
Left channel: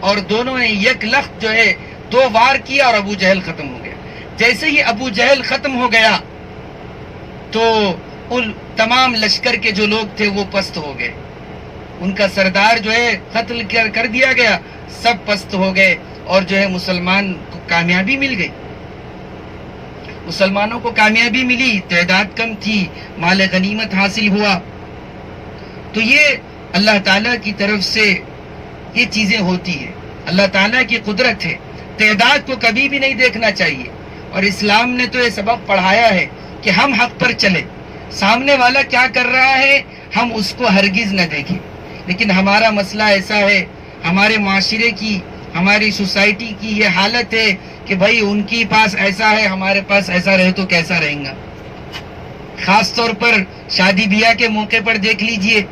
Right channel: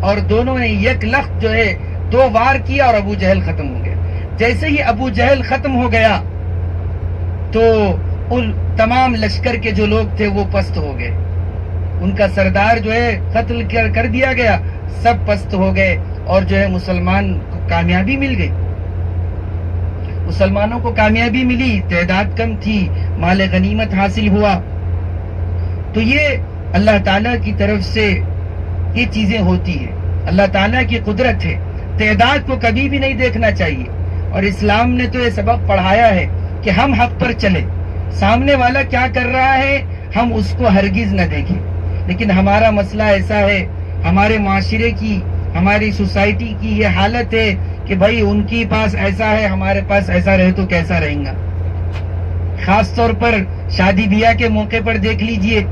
اور دونوں نے یک لخت جو ہے 2 وار کیا اور ابو جہل ختم ہو گیا۔ جیسے ہی ابو جہل ختم ہو گیا تو ان تمام لشکر کے جو لوگ تھے وہ پست ہو گئے، ان کا سردار جو ہے قتل کر دیا گیا، سب پست ہو گئے، اور جو ہے مسلمان کو کامیابی مل گئی، مسلمانوں کو کامیابی ملی، تعداد کم تھی، مال غنیمت حاصل ہوا۔ تو یہ اللہ تعالیٰ کی طرف سے یہ چیزیں ہوتی ہیں، اللہ تعالیٰ کی قدرت ہے، تعداد کو کبھی بھی نہیں دیکھنا چاہیے، اور اسلام نے تو یہ سبق پڑھایا ہے کہ ہم حق پر چلیں، سامنے والا کیا کر رہا ہے ہم اس کو ہرگز نہ دیکھیں۔ لیکن ہمارا مسئلہ ایسا ہے، ہمارے معاشرے کی، ہماری سوسائٹی کی یہ حالت ہے کہ بھائی ان کی پاس ایسا ہے، ہمارے پاس ایسا رہے تو کیسا رہیں گا۔ خاص طور پر شادی بیاہ کے موقع پر دیکھ لیجئے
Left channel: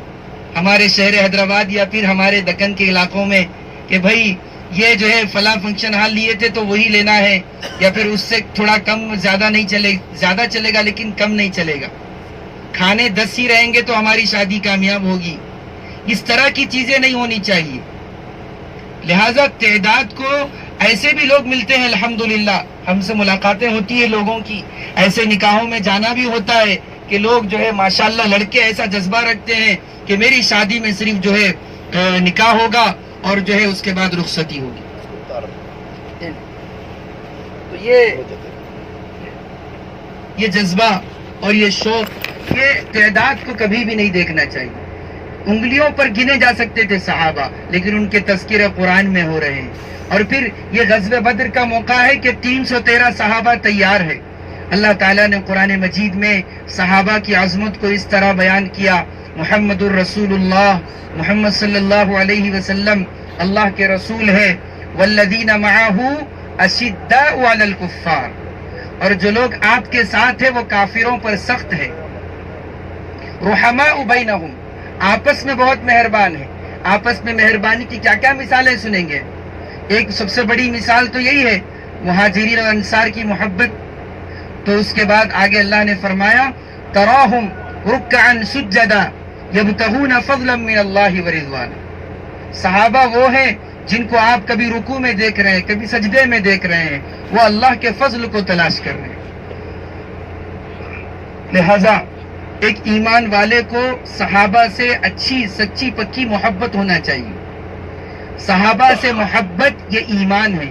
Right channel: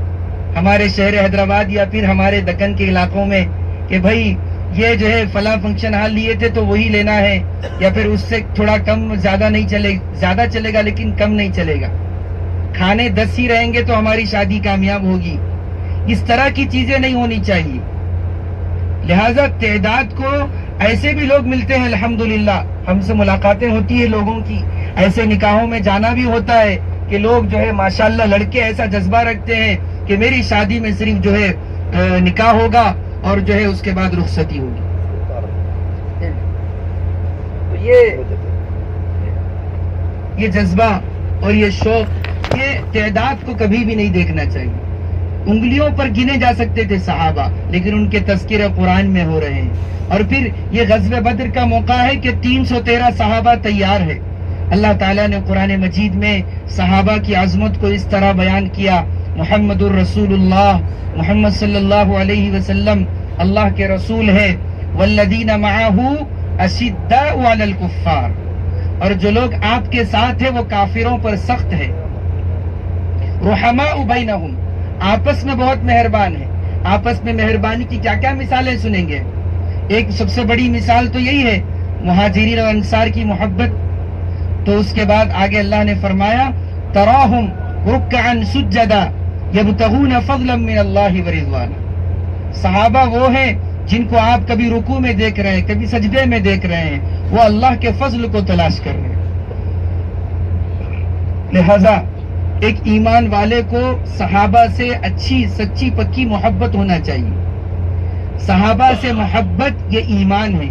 ہمارے شہر حیدرآباد یا پھر ہمارے دکن کے علاقوں میں کہ بھائی یہ جو ہے فلاں فنکشن ہال لیے تھے تو وہی لینا ہے، یا پھر اس سے تھوڑا کم، زیادہ نہیں چلے، زیادہ چلے گا لیکن کم نہیں چلے گا، کھانے 10 ہی رہیں گے تو ہماری شادی کامیاب ہوگی۔ اس طرح کی چیزیں نہیں ہونی چاہیے۔ لہذا تعداد کو ایسے بھی لوگ ملتے ہیں، الحمدللہ ہم سے ملاقاتیں ہوتی ہیں لوگوں کی، ایسے نکاحوں میں جانا بھی ہوتا ہے کہ لوگ جو ہے ماشاءاللہ لڑکے ایسا جذبہ رکھتے ہیں کہ میری شادی میں صرف جو ہے نکاح ہوگا اور جو ہے اس کے بعد رخصتی ہوگی۔ تو یہ جذبہ اور یہ شوق، یہ تعداد کو کبھی بھی نہیں دیکھنا چاہیے۔ انگلیوں پر گنے جا سکتے تھے صحابہ، لیکن ان کے تذکرے قرآن میں ہو رہے ہیں۔ اور پھر یہ غزوہ بدر کا موقع ہے کہ 313 صحابہ تیار ہے۔ اللہ تعالیٰ نے قرآن مجید میں صحابہ کی عظمت کو اس طرح بیان کیا، محمد الرسول اللہ، محمد صلی اللہ علیہ وسلم اللہ کے رسول ہے، والذین معہ اشداء علی الکفار، اور جو لوگ آپ کے ساتھ ہیں وہ کافروں پر سخت ہے، رحماء بینہم، آپس میں بہت مہربان ہے۔ آپس میں مہربانی کی کیا کیا مثالیں سنیں گے؟ ایک سب سے بڑی مثال تو یہی ہے مہاجرین اور انصار کی محبت۔ تو اس کے بعد آگے اللہ نے فرمایا تراہم رکعا سجدا یبتغون فضلا من اللہ ورضوانا، صحابہ وہ ہیں جن کو آپ کبھی رکوع میں دیکھ رہے ہیں، کبھی سجدے میں دیکھ رہے ہیں، وہ اللہ کے فضل کو تلاش کر رہے ہیں۔ لہذا ایک ایمان والے کو صحابہ سے اچھی سچی پکی محبت ہونا چاہیے۔ صحابہ سے محبت یہ ایمان ہے۔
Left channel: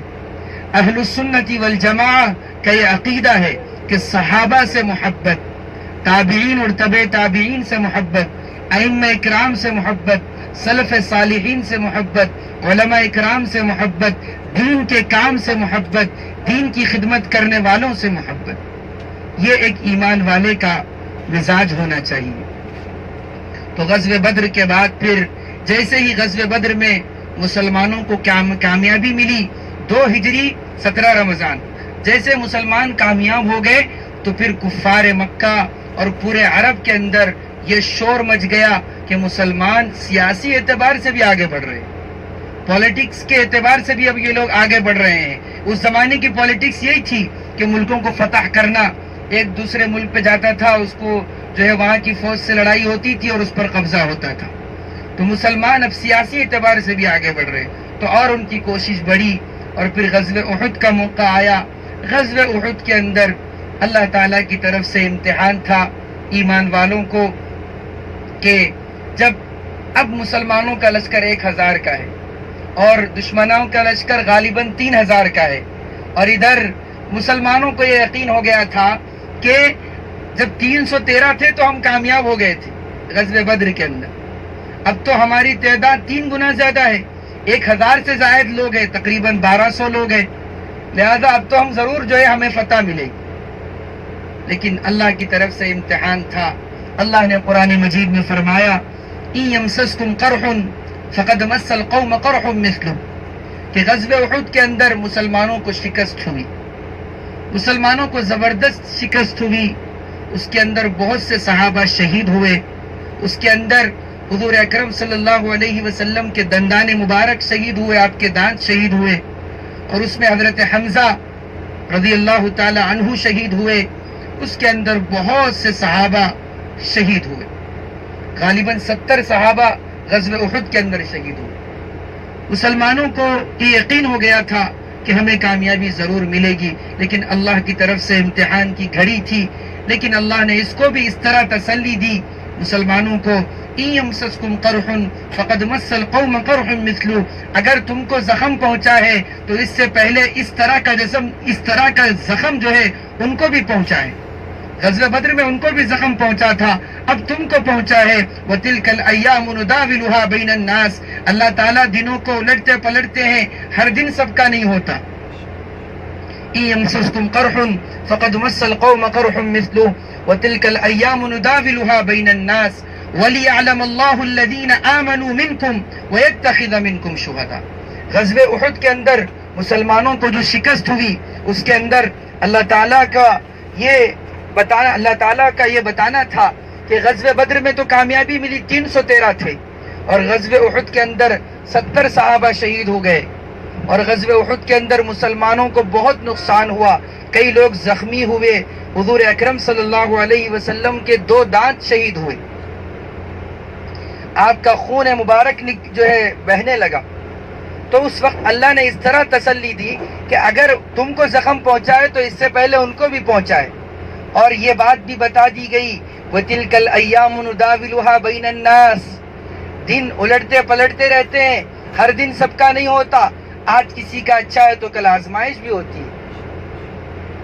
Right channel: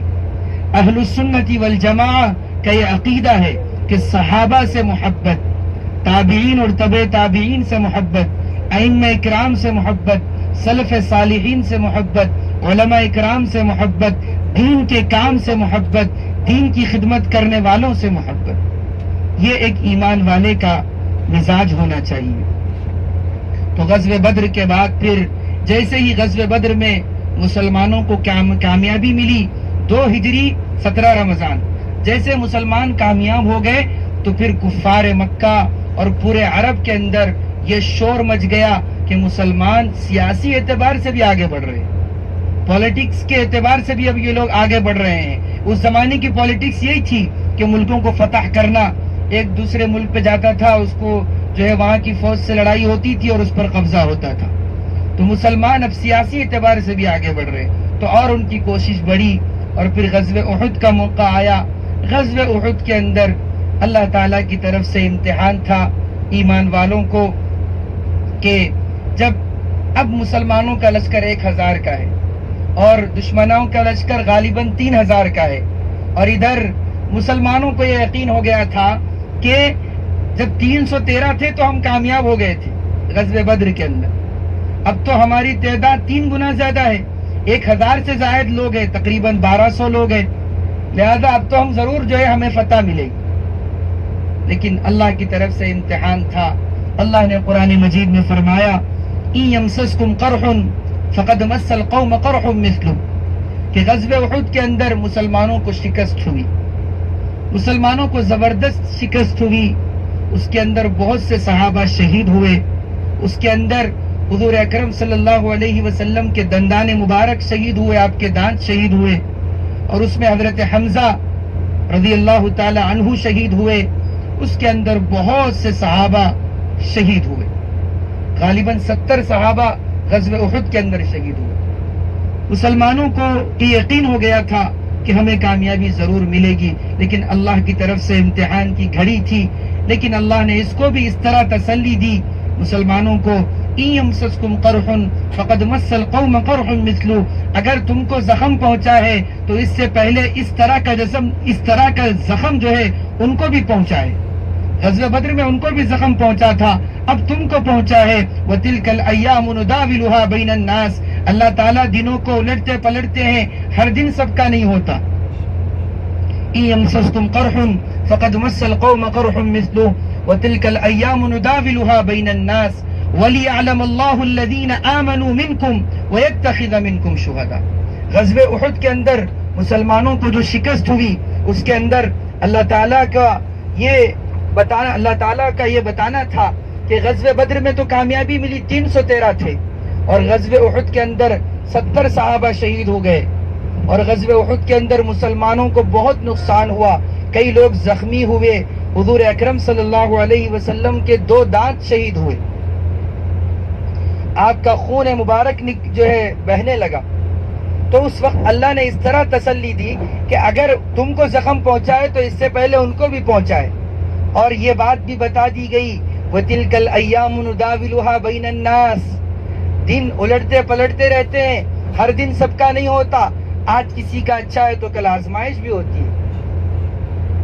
اہل السنت والجماعہ کا یہ عقیدہ ہے کہ صحابہ سے محبت، تابعین اور تبع تابعین سے محبت، ائمہ اکرام سے محبت، سلف صالحین سے محبت، علماء اکرام سے محبت، دین کے کام سے محبت، دین کی خدمت کرنے والوں سے محبت، یہ ایک ایمان والے کا مزاج ہونا چاہیے۔ تو غزوہ بدر کے بعد پھر جیسے ہی غزوہ بدر میں مسلمانوں کو کامیابی ملی، 2 ہجری 17 رمضان، جیسے مسلمان کامیاب ہو گئے تو پھر کفار مکہ اور پورے عرب کے اندر یہ شور مچ گیا کہ مسلمان سیاسی اعتبار سے بھی آگے بڑھ رہے ہیں، پولیٹکس کے اعتبار سے بھی اب یہ لوگ آگے بڑھ رہے ہیں۔ اس زمانے کی پولیٹکس یہی تھی کہ ملکوں کو فتح کرنا، ایک دوسرے ملک پہ جاتا تھا، اس کو جو ہے وہاں کی فوج سے لڑائی ہوتی تھی اور اس پر قبضہ ہوتا تھا۔ تو مسلمان اب سیاسی اعتبار سے بھی آگے بڑھ رہے، تو اور ان کی کوشش بڑھی، اور پھر غزوہ احد کا موقع آیا۔ غزوہ احد کے اندر اللہ تعالیٰ کی طرف سے امتحان تھا ایمان والوں کو کہ جب اب مسلمانوں کا لشکر 1000 کا ہے اور دشمنوں کا لشکر غالباً 3000 کا ہے، اور ادھر مسلمانوں کو یہ یقین ہو گیا تھا کہ جب 313 تھے تو ہم کامیاب ہو گئے تھے غزوہ بدر کے اندر، اب تو ہماری تعداد 3 گنا زیادہ ہے، 1000 سے زائد لوگ ہیں، تقریباً 1200 لوگ ہیں، لہذا اب تو ہم ضرور جو ہے ہمیں فتح ملے گی۔ لیکن اللہ کی طرف سے امتحان تھا۔ اللہ نے قرآن مجید میں فرمایا ان یمسسکم قرح فقد مس القوم قرح مثلہ، کہ غزوہ احد کے اندر مسلمانوں کو شکست ہوئی، مسلمانوں کو زبردست شکست ہوئی، اس کے اندر بہت سے صحابہ شہید ہوئے، اس کے اندر حضور اکرم صلی اللہ علیہ وسلم کے دندان مبارک شہید ہوئے، آپ کے دانت شہید ہوئے، اور اس میں حضرت حمزہ رضی اللہ تعالی عنہ شہید ہوئے، اس کے اندر بہت سے صحابہ شہید ہوئے، غالباً 70 صحابہ غزوہ احد کے اندر شہید ہوئے۔ مسلمانوں کو یہ یقین ہو گیا تھا کہ ہمیں کامیابی ضرور ملے گی، لیکن اللہ کی طرف سے امتحان کی گھڑی تھی، لیکن اللہ نے اس کو بھی اس طرح تسلی دی مسلمانوں کو، إِن يَمْسَسْكُمْ قَرْحٌ فَقَدْ مَسَّ الْقَوْمَ قَرْحٌ مِثْلُهُ، اگر تم کو زخم پہنچا ہے تو اس سے پہلے اس طرح کا زخم جو ہے ان کو بھی پہنچا ہے۔ غزوہ بدر میں ان کو بھی زخم پہنچا تھا، اب تم کو پہنچا ہے۔ وَتِلْكَ الْأَيَّامُ نُدَاوِلُهَا بَيْنَ النَّاسِ، اللہ تعالیٰ دنوں کو الٹتے پلٹتے ہیں، ہر دن سب کا نہیں ہوتا۔ إِن يَمْسَسْكُمْ قَرْحٌ فَقَدْ مَسَّ الْقَوْمَ قَرْحٌ مِثْلُهُ وَتِلْكَ الْأَيَّامُ نُدَاوِلُهَا بَيْنَ النَّاسِ وَلِيَعْلَمَ اللَّهُ الَّذِينَ آمَنُوا مِنْكُمْ وَيَتَّخِذَ مِنْكُمْ شُهَدَاءَ۔ غزوہ احد کے اندر مسلمانوں کو جو شکست ہوئی، اس کے اندر اللہ تعالیٰ کا یہ بتانا تھا کہ غزوہ بدر میں تو کامیابی ملی، 313 تھے، اور غزوہ احد کے اندر 70 صحابہ شہید ہو گئے، اور غزوہ احد کے اندر مسلمانوں کو بہت نقصان ہوا، کئی لوگ زخمی ہوئے، حضور اکرم صلی اللہ علیہ وسلم کے 2 دانت شہید ہوئے، آپ کا خون مبارک جو ہے بہنے لگا۔ تو اس وقت اللہ نے اس طرح تسلی دی کہ اگر تم کو زخم پہنچائے تو اس سے پہلے ان کو بھی پہنچائے، اور یہ بات بھی بتا دی گئی وَتِلْكَ الْأَيَّامُ نُدَاوِلُهَا بَيْنَ النَّاسِ، دن الٹتے پلٹتے رہتے ہیں، ہر دن سب کا نہیں ہوتا، آج کسی کا اچھا ہے تو کل آزمائش بھی ہوتی ہے۔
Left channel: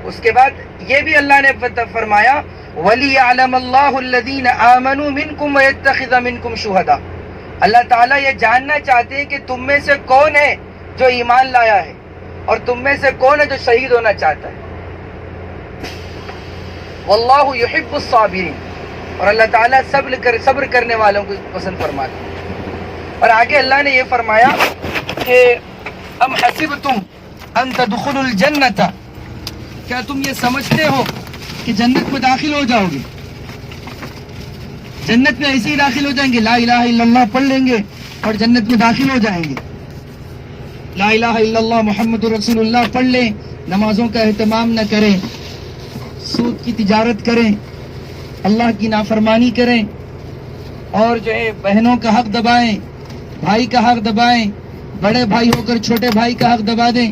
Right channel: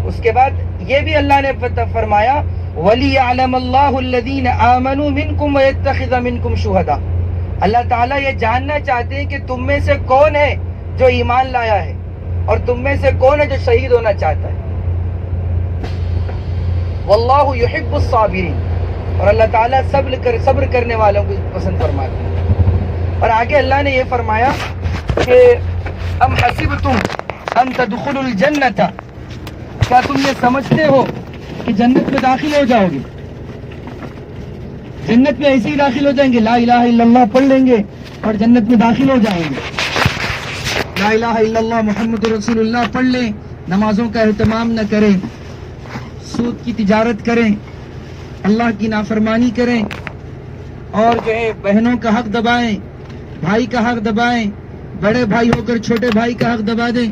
اس کے بعد یہ بھی اللہ نے فرمایا وَلِيَعْلَمَ اللَّهُ الَّذِينَ آمَنُوا مِنْكُمْ وَيَتَّخِذَ مِنْكُمْ شُهَدَاءَ، اللہ تعالیٰ یہ جاننا چاہتے ہیں کہ تم میں سے کون ہے جو ایمان لایا ہے، اور تم میں سے کون ہے جو شہید ہونا چاہتا ہے۔ واللہ یحب الصابرین، اور اللہ تعالیٰ صبر کرنے والوں کو پسند فرماتے ہیں۔ اور آگے اللہ نے یہ فرمایا کہ ام حسبتم ان تدخلوا الجنۃ، کیا تم یہ سمجھتے ہو کہ جنت میں داخل ہو جاؤ گے؟ جنت میں ایسے ہی داخل ہو جائیں گے، لا الہ الا اللہ پڑھ لیں گے اور جنت میں داخل ہو جائیں گے؟ لا الہ الا اللہ محمد رسول اللہ پڑھ لیں، نمازوں کا اہتمام نہ کریں، سود کی تجارت کریں، اللہ کی نافرمانی کریں، اور جو ہے بہنوں کا حق دبائیں، بھائی کا حق دبائیں، بڑے بھائی ہو کر چھوٹے بھائی کا حق دبا دیں،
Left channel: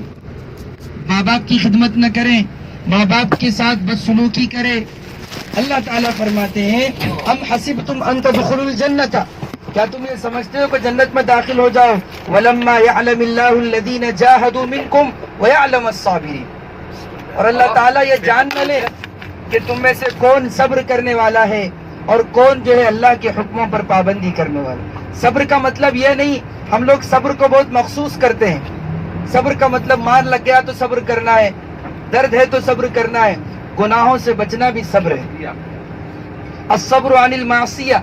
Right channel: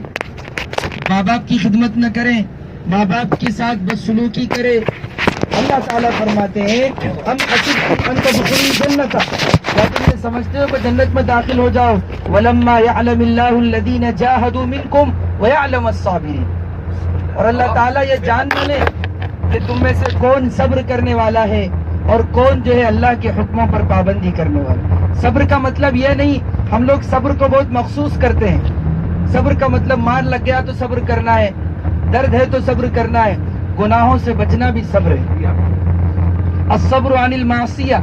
ماں باپ کی خدمت نہ کریں، ماں باپ کے ساتھ بدسلوکی کرے۔ اللہ تعالیٰ فرماتے ہیں ام حسبتم ان تدخلوا الجنۃ، کیا تم یہ سمجھتے ہو کہ جنت میں داخل ہو جاؤ؟ ولما يعلم الله الذين جاهدوا منكم ويعلم الصابرين، اور اللہ تعالیٰ یہ جان لے کہ تم میں سے کون صبر کرنے والا ہے اور کون جو ہے اللہ کے حکموں پر پابندی کرنے والا۔ صبر کا مطلب یہ نہیں، ہم لوگ صبر کو بہت مخصوص کرتے ہیں، صبر کا مطلب مار لگ گیا تو صبر کرنا ہے، درد ہے تو صبر کرنا ہے، گناہوں سے بچنا بھی صبر ہے۔ الصبر عن المعصیہ،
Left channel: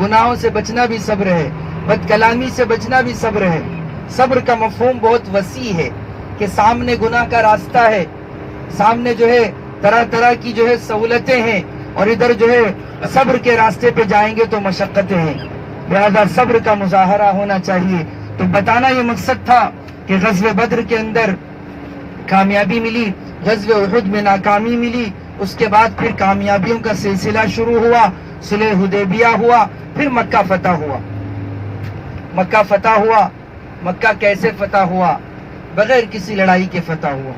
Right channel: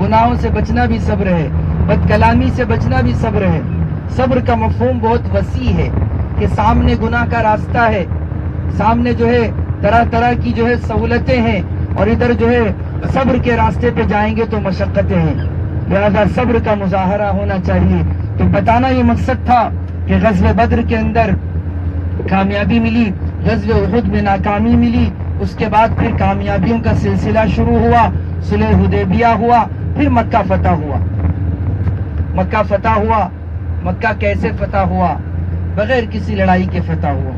گناہوں سے بچنا بھی صبر ہے، بد کلامی سے بچنا بھی صبر ہے۔ صبر کا مفہوم بہت وسیع ہے کہ سامنے گناہ کا راستہ ہے، سامنے جو ہے طرح طرح کی جو ہے سہولتیں ہیں، اور ادھر جو ہے صبر کے راستے پہ جائیں گے تو مشقتیں ہیں، لہذا صبر کا مظاہرہ ہونا چاہیے۔ تو بتانا یہ مقصد تھا کہ غزوہ بدر کے اندر کامیابی ملی، غزوہ احد میں ناکامی ملی، اس کے بعد پھر کامیابیوں کا سلسلہ شروع ہوا، صلح حدیبیہ ہوا، پھر مکہ فتح ہوا۔ مکہ فتح ہوا، مکہ کیسے فتح ہوا؟ بغیر کسی لڑائی کے فتح ہوا۔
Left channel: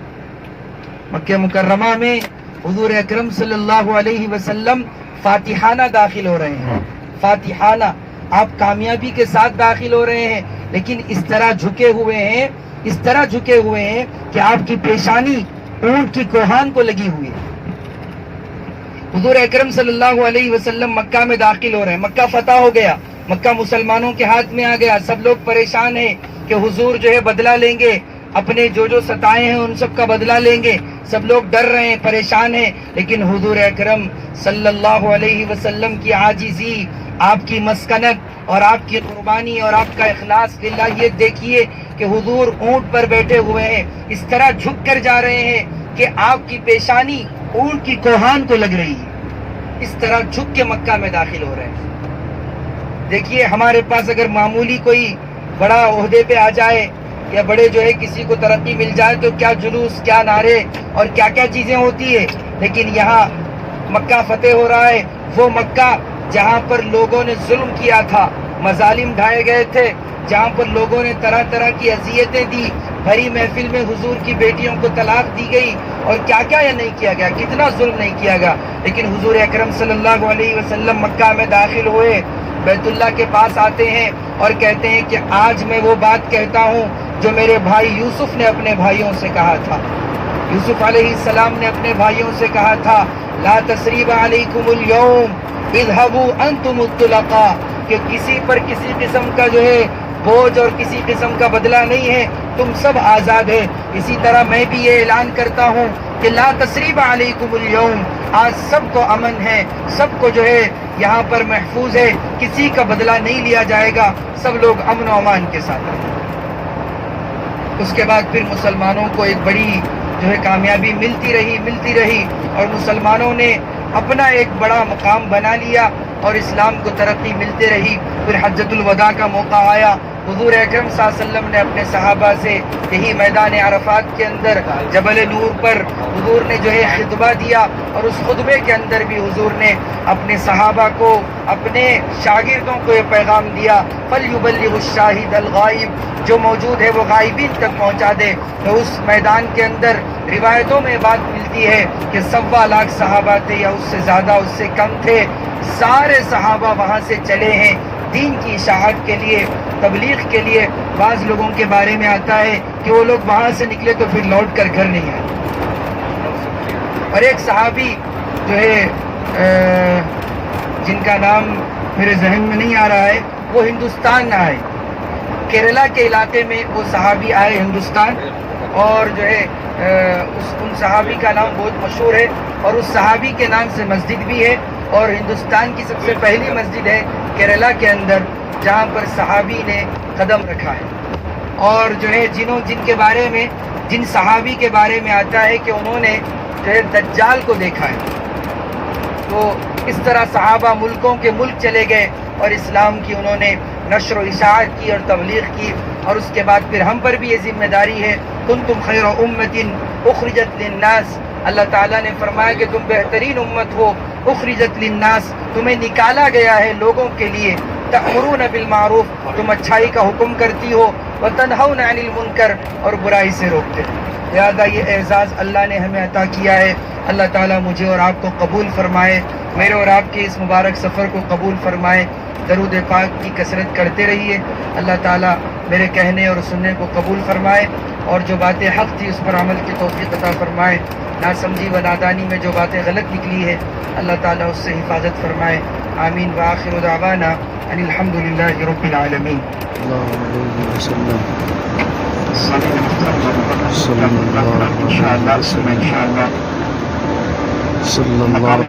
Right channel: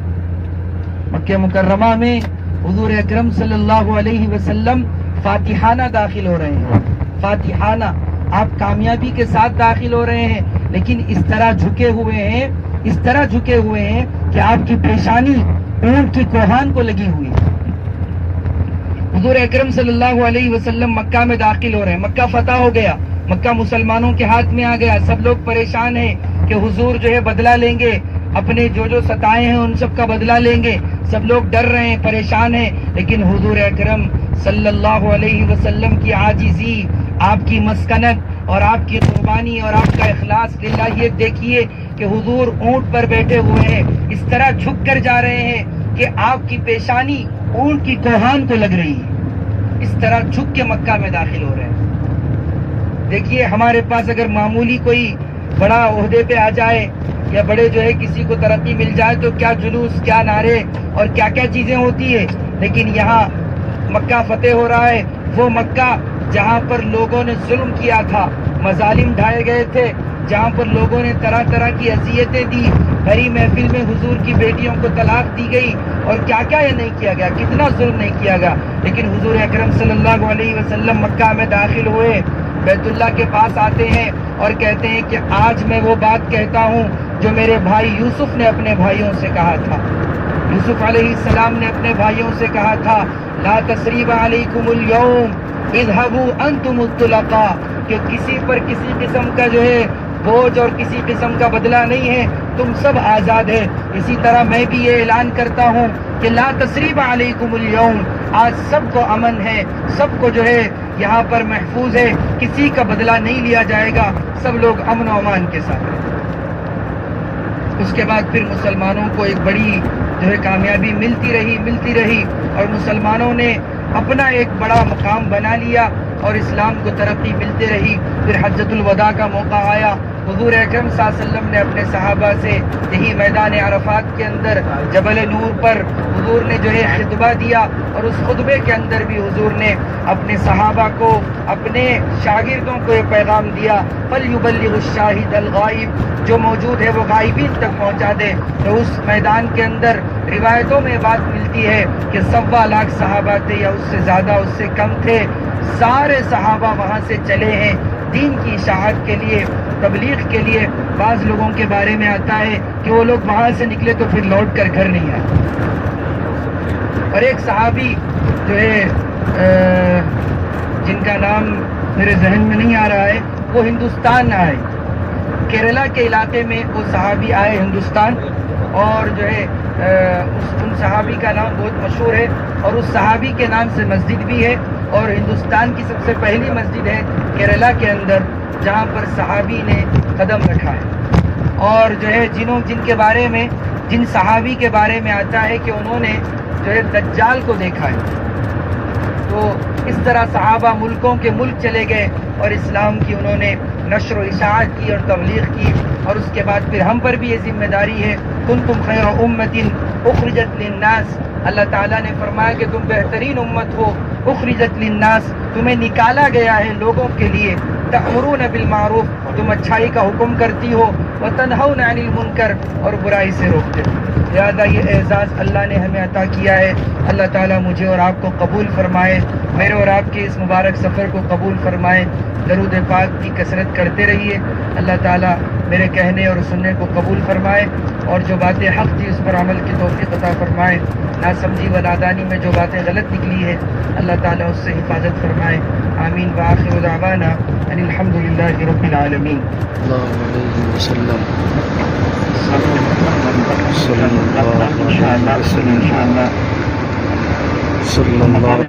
مکہ مکرمہ میں حضور اکرم صلی اللہ علیہ وسلم فاتحانہ داخل ہو رہے ہیں، فاتحانہ، آپ کامیابی کے ساتھ داخل ہو رہے ہیں، لیکن اس طرح جھکے ہوئے ہیں، اس طرح جھکے ہوئے ہیں کہ آپ کی پیشانی اونٹ کی کوہان کو لگی ہوئی ہے۔ حضور اکرم صلی اللہ علیہ وسلم مکہ میں داخل ہو رہے ہیں، مکہ فتح ہو گیا، مکہ مسلمانوں کے ہاتھ میں آ گیا، سب لوگ پریشان ہیں کہ حضور جو ہے بدلہ لیں گے، اپنے جو ستائے ہیں ان سب کا بدلہ لیں گے، سب لوگ ڈر رہے ہیں، پریشان ہیں، لیکن حضور اکرم صلی اللہ علیہ وسلم کی عاجزی، آپ کی مسکنت اور آپ کی قربانی اور آپ کا اخلاص للہ، یہ دیکھیے کہ حضور اونٹ پر بیٹھے ہوئے ہیں، اس طرح جھک کر جا رہے ہیں کہ آپ کی پیشانی اونٹ کی کوہان کو لگ رہی ہے، اس طرح جھک کے مکہ میں داخل ہو رہے ہیں۔ دیکھیے ہمارے پاس اگر معمولی کوئی بڑا عہدے پہ آ جائے، یا بڑے جو ہے کسی کو ترقی مل جائے تو کیا جلوس، کیا نعرے اور کیا کیا چیزیں ہوتی ہے. لیکن یہاں مکہ فتح ہو رہا ہے، وہ مکہ جہاں پر لوگوں نے ظلم کیا تھا، مظالم ڈھائے گئے تھے، جہاں پر لوگوں نے طرح طرح کی اذیتیں دی، بھری محفل میں حضور کی بیٹیوں کو طلاق دی گئی اور کیا کیا یہ نہیں کیا گیا، کتنا ظلم نہیں کیا گیا. لیکن حضور اکرم صلی اللہ علیہ وسلم مکہ میں داخل ہوئے، بیت اللہ کے پاس آتے ہیں اور کہتے ہیں کہ آج میں وہ بات کہتا ہوں جو میرے بھائی یوسف نے اپنے بھائیوں سے کہا تھا. یوسف علیہ السلام نے اپنے بھائیوں سے کہا تھا لا تثریب علیکم اليوم اذهبوا انتم الطلقاء، کہ کسی پر کسی قسم کا جو ہے بوجھ اور کسی قسم کا بدلہ نہیں ہے، تم سب آزاد ہے. اسی طرح میں بھی یہ اعلان کرتا ہوں کہ لا تثریب علیکم اليوم، آج سب کو امن ہے، سب کو جو ہے یہاں پر محفوظ ہے، کسی کا بدلہ نہیں لیا جائے گا، سب لوگ امن و امان کے ساتھ رہیں. اس کے بعد پھر مسلمانوں کو ایک بڑی جو ہے کامیابی ملتی رہی اور مسلمانوں نے اپنا ایک بڑا مقام بنا لیا اور اسلام کو ترقی ملتی رہی. پھر حجۃ الوداع کا موقع آیا، حضور اکرم صلی اللہ علیہ وسلم نے اپنے صحابہ سے یہی میدان عرفات کے اندر جبل نور پر حضور نے جو ہے خطبہ دیا، اور اس خطبے کے اندر بھی حضور نے اپنے صحابہ کو، اپنے شاگردوں کو یہ پیغام دیا فَلْيُبَلِّغُ الشَّاهِدَ الْغَائِبَ، جو موجود ہے وہ غائبین تک پہنچا دے. تو اس میدان کے اندر روایتوں میں بات ملتی ہے کہ 1.25 لاکھ صحابہ تھے یا اس سے زیادہ، اس سے کم تھے. سارے صحابہ وہاں سے چلے ہیں دین کی اشاعت کے لیے، تبلیغ کے لیے. بعض لوگوں کے بارے میں آتا ہے کہ وہ لوگ وہاں سے نکلے تو پھر لوٹ کر گھر نہیں آئے. اور ایک صحابی جو ہے جن کا نام میرے ذہن میں نہیں آ رہا ہے، وہ ہندوستان آئے، کیرلا کے علاقے میں وہ صحابی آئے ہندوستان، اور جو ہے ان صحابی کا نام بہت مشہور ہے، اور اس صحابی کے نام سے مسجد بھی ہے، اور ہندوستان کی سب سے پہلی مسجد ہے کیرلا کے اندر جہاں پر صحابی نے قدم رکھا ہے. اور جو ہے جن کے بارے میں، جن صحابی کے بارے میں آتا ہے کہ انہوں نے جو ہے دجال کو دیکھا ہے. تو اس طرح صحابہ ملکوں کے ملک چلے گئے اور اسلام کی انہوں نے نشر و اشاعت کی اور تبلیغ کی. اور اس کے بعد پھر ہم پر بھی یہ ذمہ داری ہے، کنتم خیر امۃ اخرجت للناس. اللہ تعالیٰ نے فرمایا کہ تم بہترین امت ہو، اخرجت للناس، تمہیں نکالا گیا ہے لوگوں کے لیے. تأمرون بالمعروف، تم اچھائی کا حکم کرتی ہو، وتنہون عن المنکر، اور برائی سے روکتے ہو. لہذا یہ اعزاز اللہ نے ہمیں عطا کیا ہے. اللہ تعالیٰ مجھے اور آپ کو قبول فرمائے، میرے اور آپ کے اس مبارک سفر کو قبول فرمائے. درود پاک کی کثرت کرتے رہیے. اللہ تعالیٰ میرے کہنے اور سننے کو قبول فرمائے، اور جو باتیں حق تھی اس پر عمل کی توفیق عطا فرمائے. ناسمجھی و نادانی میں جو باتیں غلط نکلی ہے اللہ تعالیٰ اس سے حفاظت فرمائے. آمین. وآخر دعوانا ان الحمد للہ رب العالمین. اللہ علیہ وسلم صلی اللہ علیہ وسلم صلی اللہ